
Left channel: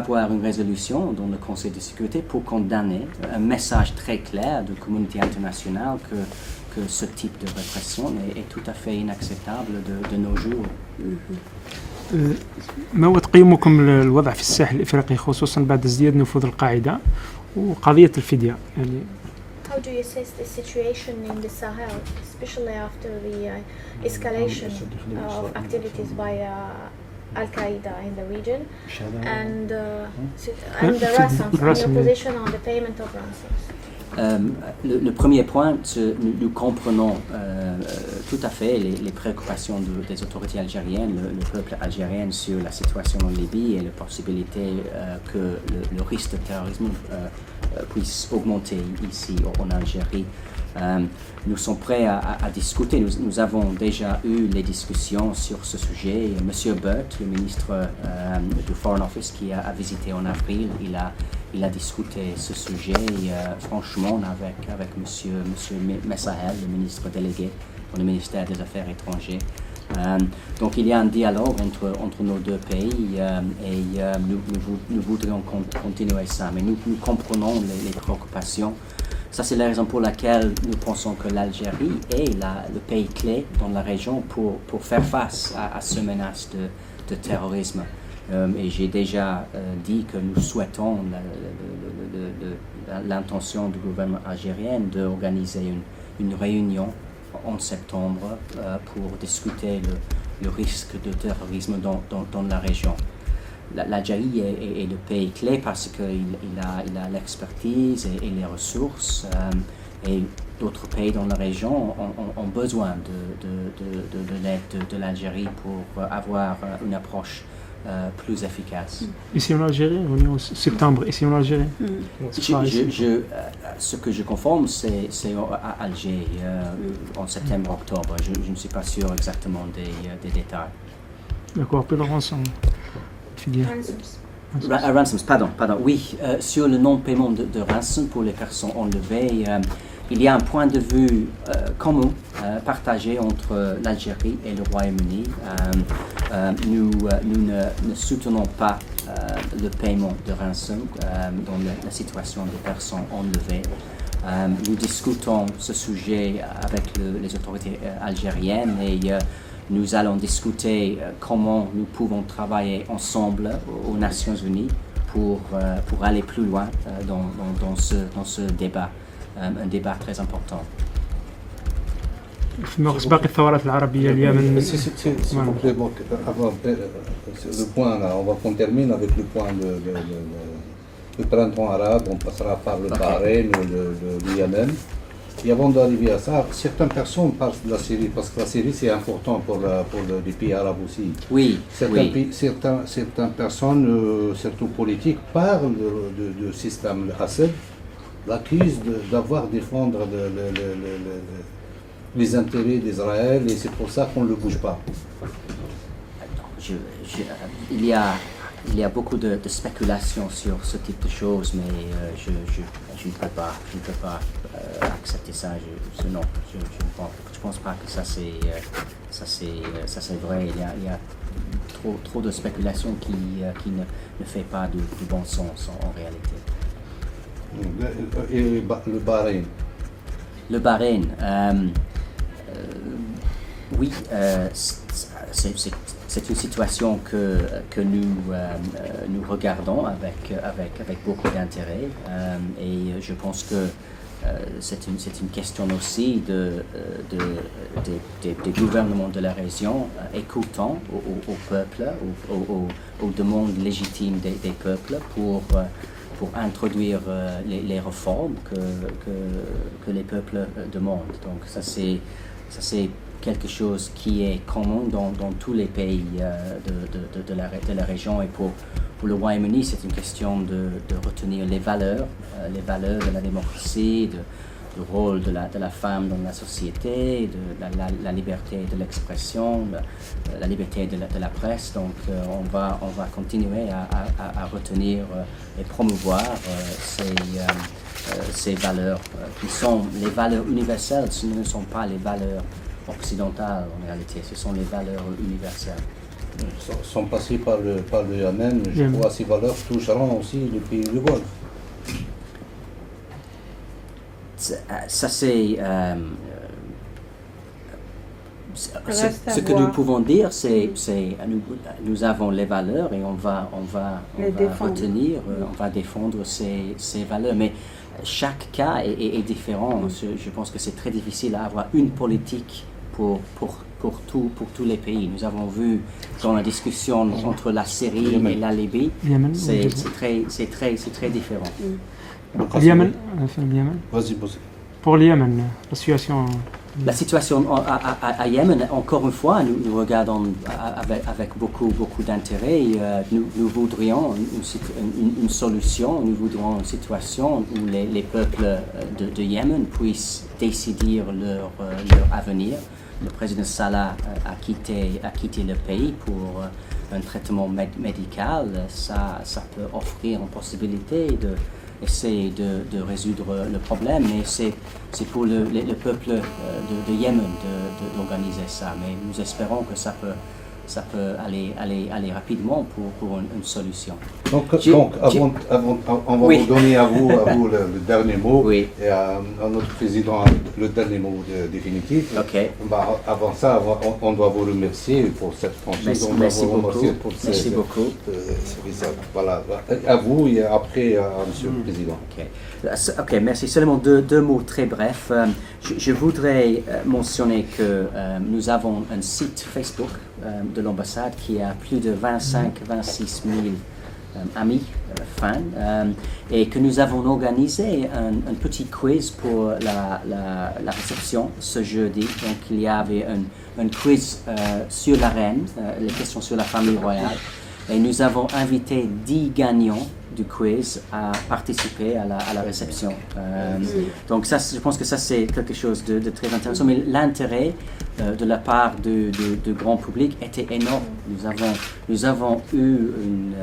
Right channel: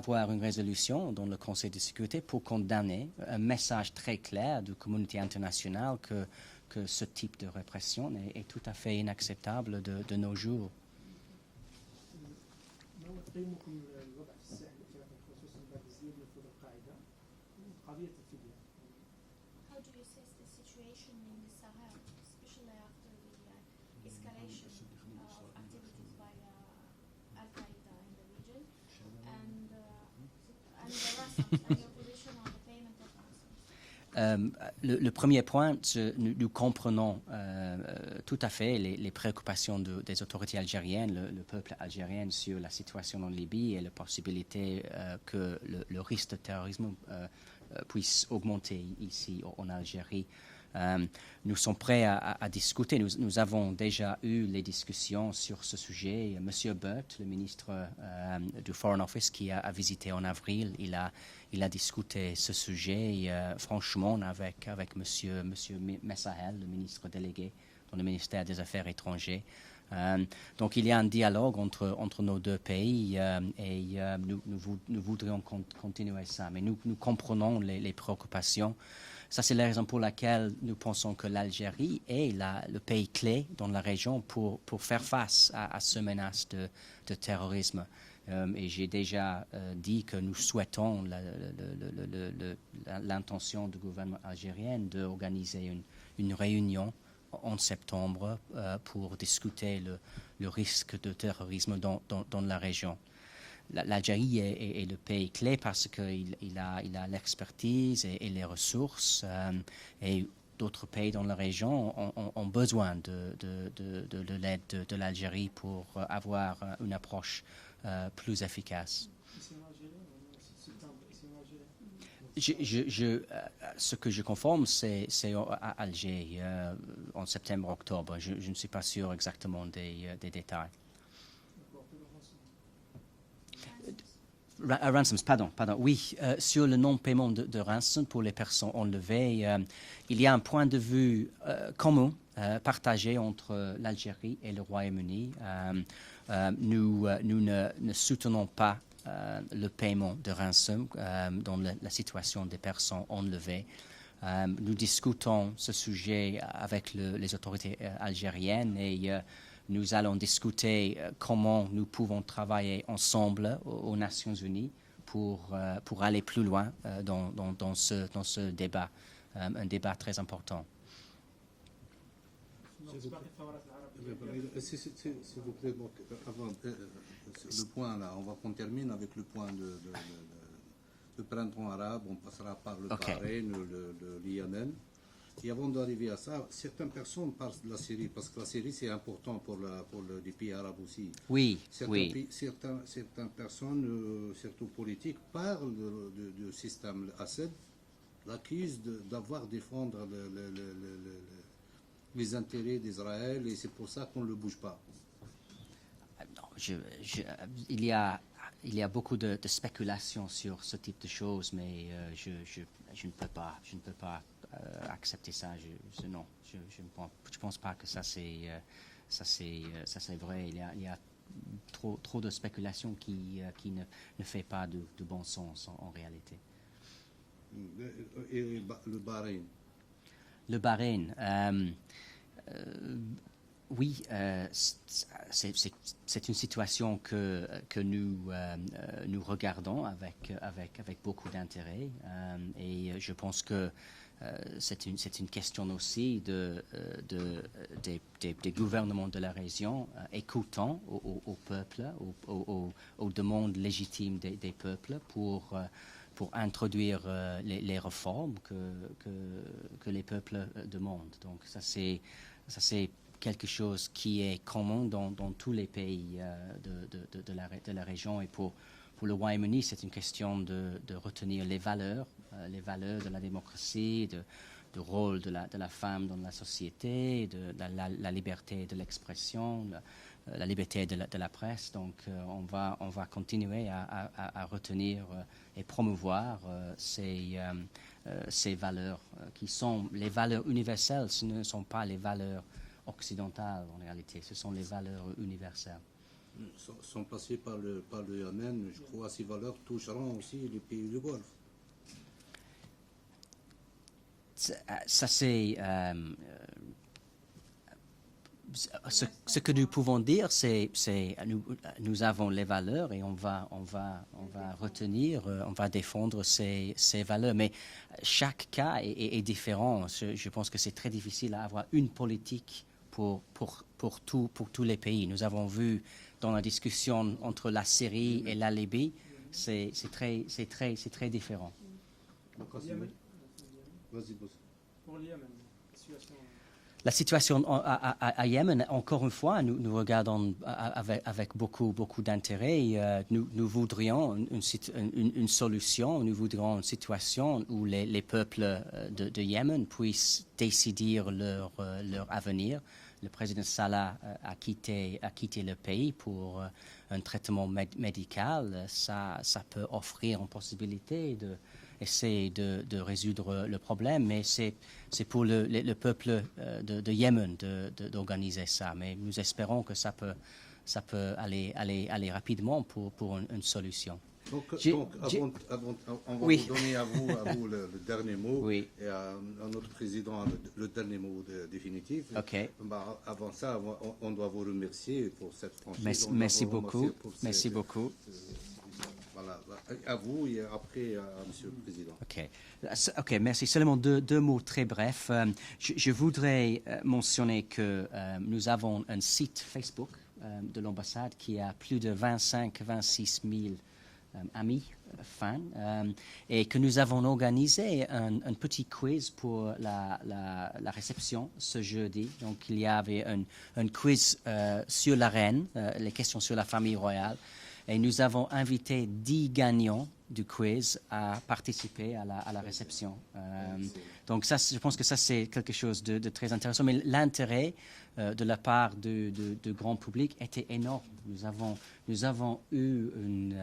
avoir une résolution dans le Conseil de sécurité pour condamner un message très clair de la communauté internationale que ce type de répression est tout à fait inacceptable de nos jours. ما هو تقييمكم للوضع في الساحل الإفريقي خصوصا بعد ازدياد نفوذ القاعدة وقضية الفدية يعني How do you assess the situation in the Sahel, especially after the escalation of activities by Al-Qaeda in the region and the ransoms, and your position on the payment of ransoms? Le premier point, nous comprenons tout à fait les préoccupations des autorités algériennes, le peuple algérien sur la situation en Libye et la possibilité que le risque de terrorisme puisse augmenter ici en Algérie. Nous sommes prêts à discuter. Nous avons déjà eu les discussions sur ce sujet. Monsieur Butt, le ministre du Foreign Office qui a visité en avril, il a discuté ce sujet franchement avec monsieur Messahel, le ministre délégué pour le ministère des Affaires étrangères. Donc il y a un dialogue entre nos deux pays et nous voudrions continuer ça, mais nous comprenons les préoccupations. Ça, c'est la raison pour laquelle nous pensons que l'Algérie est le pays clé dans la région pour faire face à ce menace de terrorisme. Et j'ai déjà dit que nous souhaitons l'intention du gouvernement algérien d'organiser une réunion en septembre pour discuter le risque de terrorisme dans la région. L'Algérie est le pays clé parce qu'il a l'expertise et les ressources et d'autres pays dans la région ont besoin de l'aide de l'Algérie pour avoir une approche plus efficace. Ici en Algérie, on est en septembre, ici en Algérie. Ce que je confirme, c'est à Alger, en septembre-octobre. Je ne suis pas sûr exactement des détails. D'accord, puis le rançon. Ransoms, pardon. Oui, sur le non-paiement de rançon pour les personnes enlevées, il y a un point de vue commun partagé entre l'Algérie et le Royaume-Uni. Nous ne soutenons pas le paiement de rançon dans la situation des personnes enlevées. Nous discutons ce sujet avec les autorités algériennes et nous allons discuter comment nous pouvons travailler ensemble aux Nations Unies pour aller plus loin dans ce débat. Un débat très important. باقي الثورات العربية اليمن. Le point là, on termine avec le point du printemps arabe, on passera par le Bahreïn, le Yémen. Et avant d'arriver à ça, certaines personnes parlent de la Syrie, parce que la Syrie c'est important pour les pays arabes aussi. Oui, certaines personnes, surtout politiques, parlent du système Assad, l'accusent d'avoir défendre les intérêts d'Israël et c'est pour ça qu'on ne le bouge pas. Il y a beaucoup de spéculations sur ce type de choses, mais je ne peux pas accepter ça. Non, je pense pas que ça c'est vrai. Il y a trop de spéculations qui ne fait pas du bon sens en réalité. Et le Bahreïn. Le Bahreïn, oui, c'est une situation que nous regardons avec beaucoup d'intérêt et je pense que c'est une question aussi des gouvernements de la région écoutant au peuple, aux demandes légitimes des peuples pour introduire les réformes que les peuples demandent. Donc ça c'est quelque chose qui est commun dans tous les pays de la région. Et pour le Royaume-Uni, c'est une question de retenir les valeurs de la démocratie, du rôle de la femme dans la société, de la liberté de l'expression, la liberté de la presse. Donc on va continuer à retenir et promouvoir ces valeurs qui sont les valeurs universelles. Ce ne sont pas les valeurs occidentales en réalité, ce sont les valeurs universelles. Sans passer par le Yémen, je crois que ces valeurs toucheront aussi le pays du Golfe. Ça c'est ce que nous pouvons dire, c'est nous avons les valeurs et on va retenir, on va défendre ces valeurs. Mais chaque cas est différent. Je pense que c'est très difficile à avoir une politique pour tous les pays. Nous avons vu dans la discussion entre la Syrie et la Libye, c'est très différent. Yémen, Vas-y. pour le Yémen, la situation à Yémen, encore une fois, nous regardons avec beaucoup d'intérêt. Nous voudrions une solution, nous voudrions une situation où les peuples de Yémen puissent décider leur avenir. Le président Salah a quitté le pays pour un traitement médical. Ça peut offrir une possibilité d'essayer de résoudre le problème, mais c'est pour le peuple de Yémen d'organiser ça. Mais nous espérons que ça peut aller rapidement pour une solution. Donc avant, on va vous donner à vous le dernier mot, oui. Et à notre président le dernier mot définitif. Okay. Avant ça, on doit vous remercier pour cette franchise. Merci beaucoup. Voilà, à vous et après à Monsieur le Président. Ok, merci. Seulement deux mots très brefs. Je voudrais mentionner que nous avons un site Facebook de l'ambassade qui a plus de 25-26 000 amis, fans, et que nous avons organisé un petit quiz pour la réception ce jeudi. Donc il y avait un quiz sur la reine, les questions sur la famille royale. Et nous avons invité 10 gagnants du quiz à participer à la réception. Donc ça, je pense que ça c'est quelque chose de très intéressant. Mais l'intérêt de la part du grand public était énorme. Nous avons eu une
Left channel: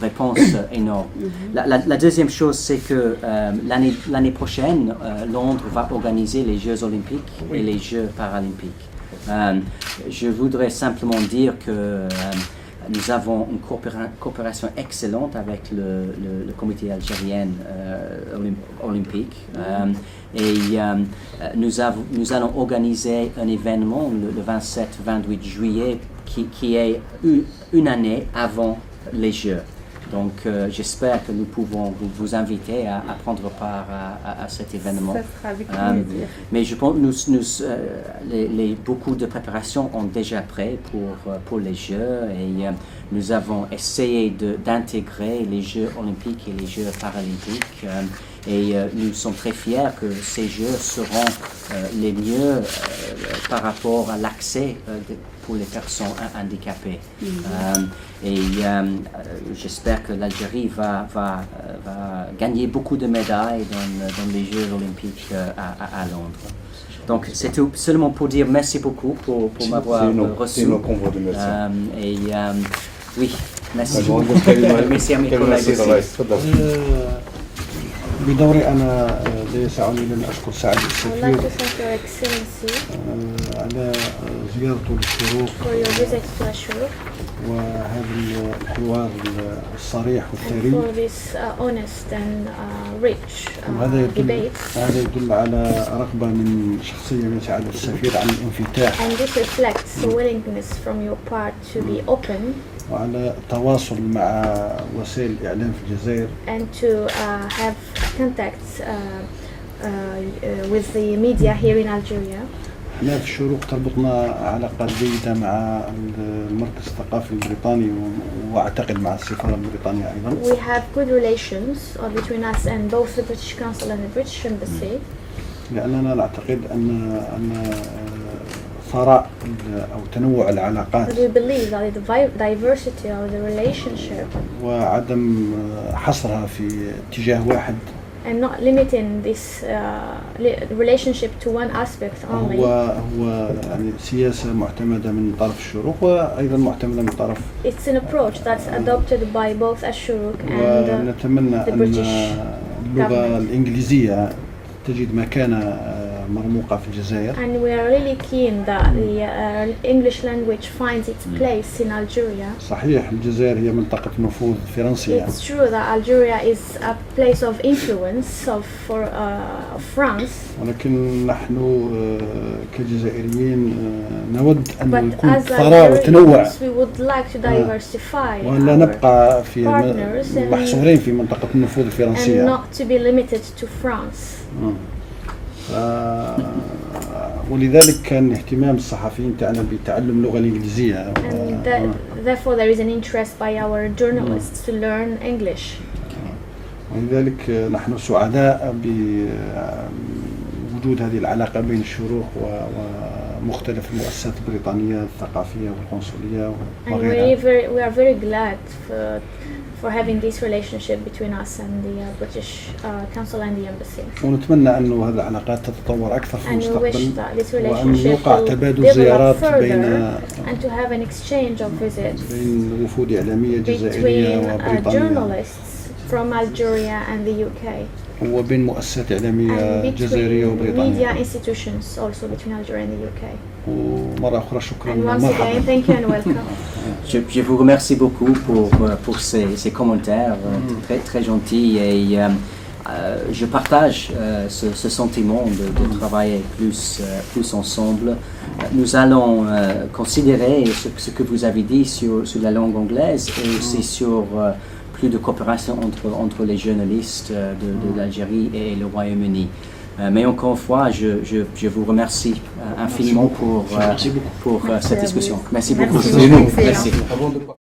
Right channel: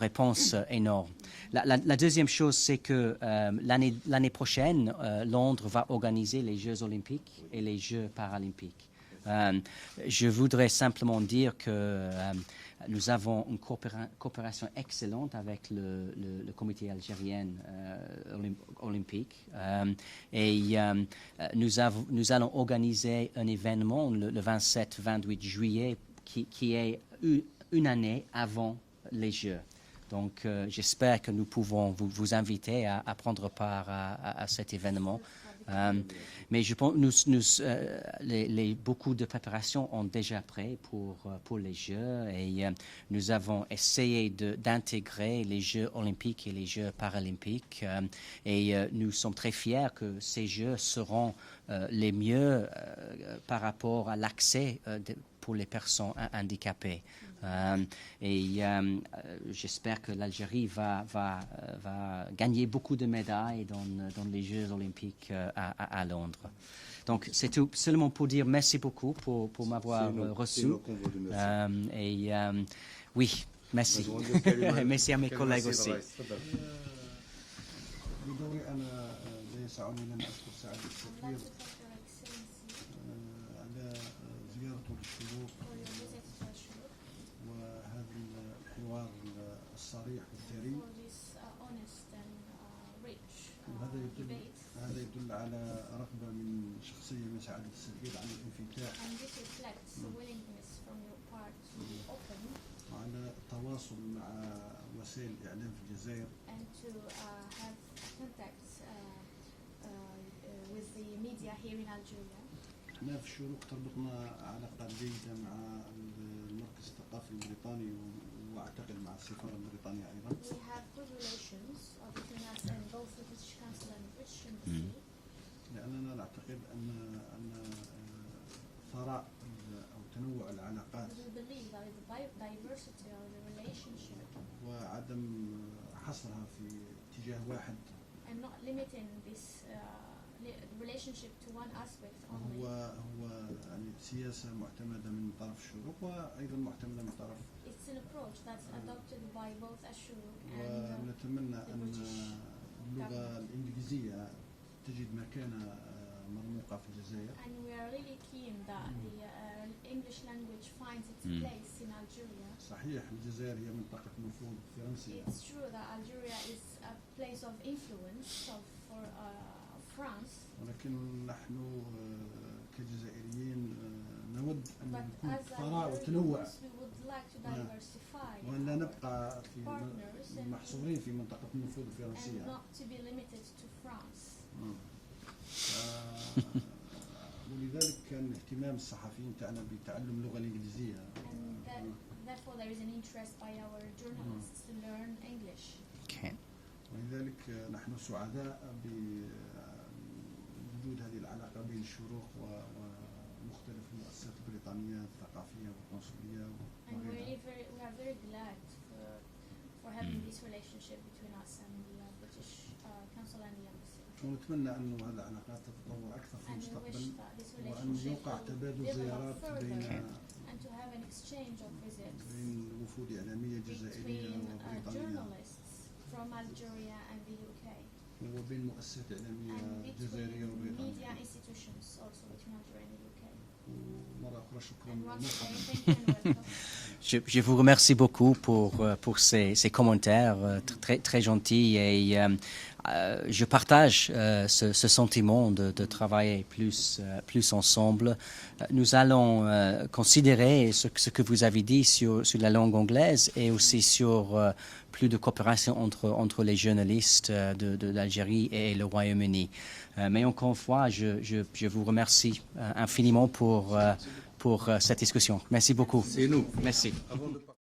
réponse énorme. La deuxième chose, c'est que l'année prochaine, Londres va organiser les Jeux olympiques et les Jeux paralympiques. Je voudrais simplement dire que nous avons une coopération excellente avec le comité algérien olympique et nous allons organiser un événement le 27-28 juillet qui est une année avant les Jeux. Donc j'espère que nous pouvons vous inviter à prendre part à cet événement. Ça sera avec plaisir. Mais je pense beaucoup de préparations ont déjà prêt pour les Jeux et nous avons essayé d'intégrer les Jeux olympiques et les Jeux paralympiques et nous sommes très fiers que ces Jeux seront les mieux par rapport à l'accès pour les personnes handicapées. Et j'espère que l'Algérie va gagner beaucoup de médailles dans les Jeux olympiques à Londres. Donc c'est seulement pour dire merci beaucoup pour m'avoir reçu. C'est nos convois de merci. Et oui, merci. Merci à mes collègues aussi. بدوري أنا لا يسعني أن أشكر سعادة I would like السفير to thank Your Excellency على زيارته للشروق for your visit to Ashur وهذا الحوار الصريح and والثري. for this honest and rich وهذا debates. يدل على رغبة من شخصية من سعادة السفير عن الانفتاح And this reflects a willingness from your part to be open وعلى التواصل مع وسائل الإعلام في الجزائر and to have contacts with the media here in Algeria. احنا في الشروق تربطنا علاقات جيدة مع المركز الثقافي البريطاني واعتقد مع السفارة البريطانية ايضا. We have good relations between us and both the British Council and the British Embassy. لأننا نعتقد أن ثراء أو تنوع العلاقات We believe that the diversity of the relationship وعدم حصرها في اتجاه واحد and not limiting this relationship to one aspect only. هو يعني سياسة معتمدة من طرف الشروق وأيضا معتمدة من طرف. It's an approach that's adopted by both Ashuruk and ونتمنى the أن British اللغة الإنجليزية تجد مكانة مرموقة في الجزائر. And we are really keen that the English language finds its place in Algeria. صحيح الجزائر هي منطقة نفوذ فرنسية. It's true that Algeria is a place of influence of France. ولكن نحن كجزائريين نود أن But يكون as ثراء وتنوع Algerians, we would like to diversify وأن لا نبقى في partners and- محصورين في منطقة النفوذ and الفرنسية. not to be limited to France. ولذلك كان اهتمام الصحفيين تاعنا بتعلم اللغة الإنجليزية. And therefore there is an interest by our journalists to learn English. ولذلك نحن سعداء بوجود هذه العلاقة بين الشروق ومختلف المؤسسات البريطانية الثقافية والقنصلية And وغيرها. we are very glad for having this relationship between us and the British Council and the Embassy. ونتمنى أن هذه العلاقات تتطور أكثر في And we wish المستقبل that this وأن relationship يوقع will تبادل زيارات develop بين further and to have an exchange of visits بين وفود إعلامية جزائرية between وبريطانية journalists from Algeria and the UK. وبين مؤسسات إعلامية And جزائرية between وبريطانية. media institutions also between Algeria and the UK. ومرة أخرى شكرا And once again, ومرحبا. thank you and welcome. Je vous remercie beaucoup pour ces commentaires très, très gentils et je partage ce sentiment de travailler plus ensemble. Nous allons considérer ce que vous avez dit sur la langue anglaise et aussi sur plus de coopération entre les journalistes d'Algérie et le Royaume-Uni. Mais encore une fois, je vous remercie infiniment pour cette discussion. Merci beaucoup. Merci. C'est nous. Excellent. Merci. Avant de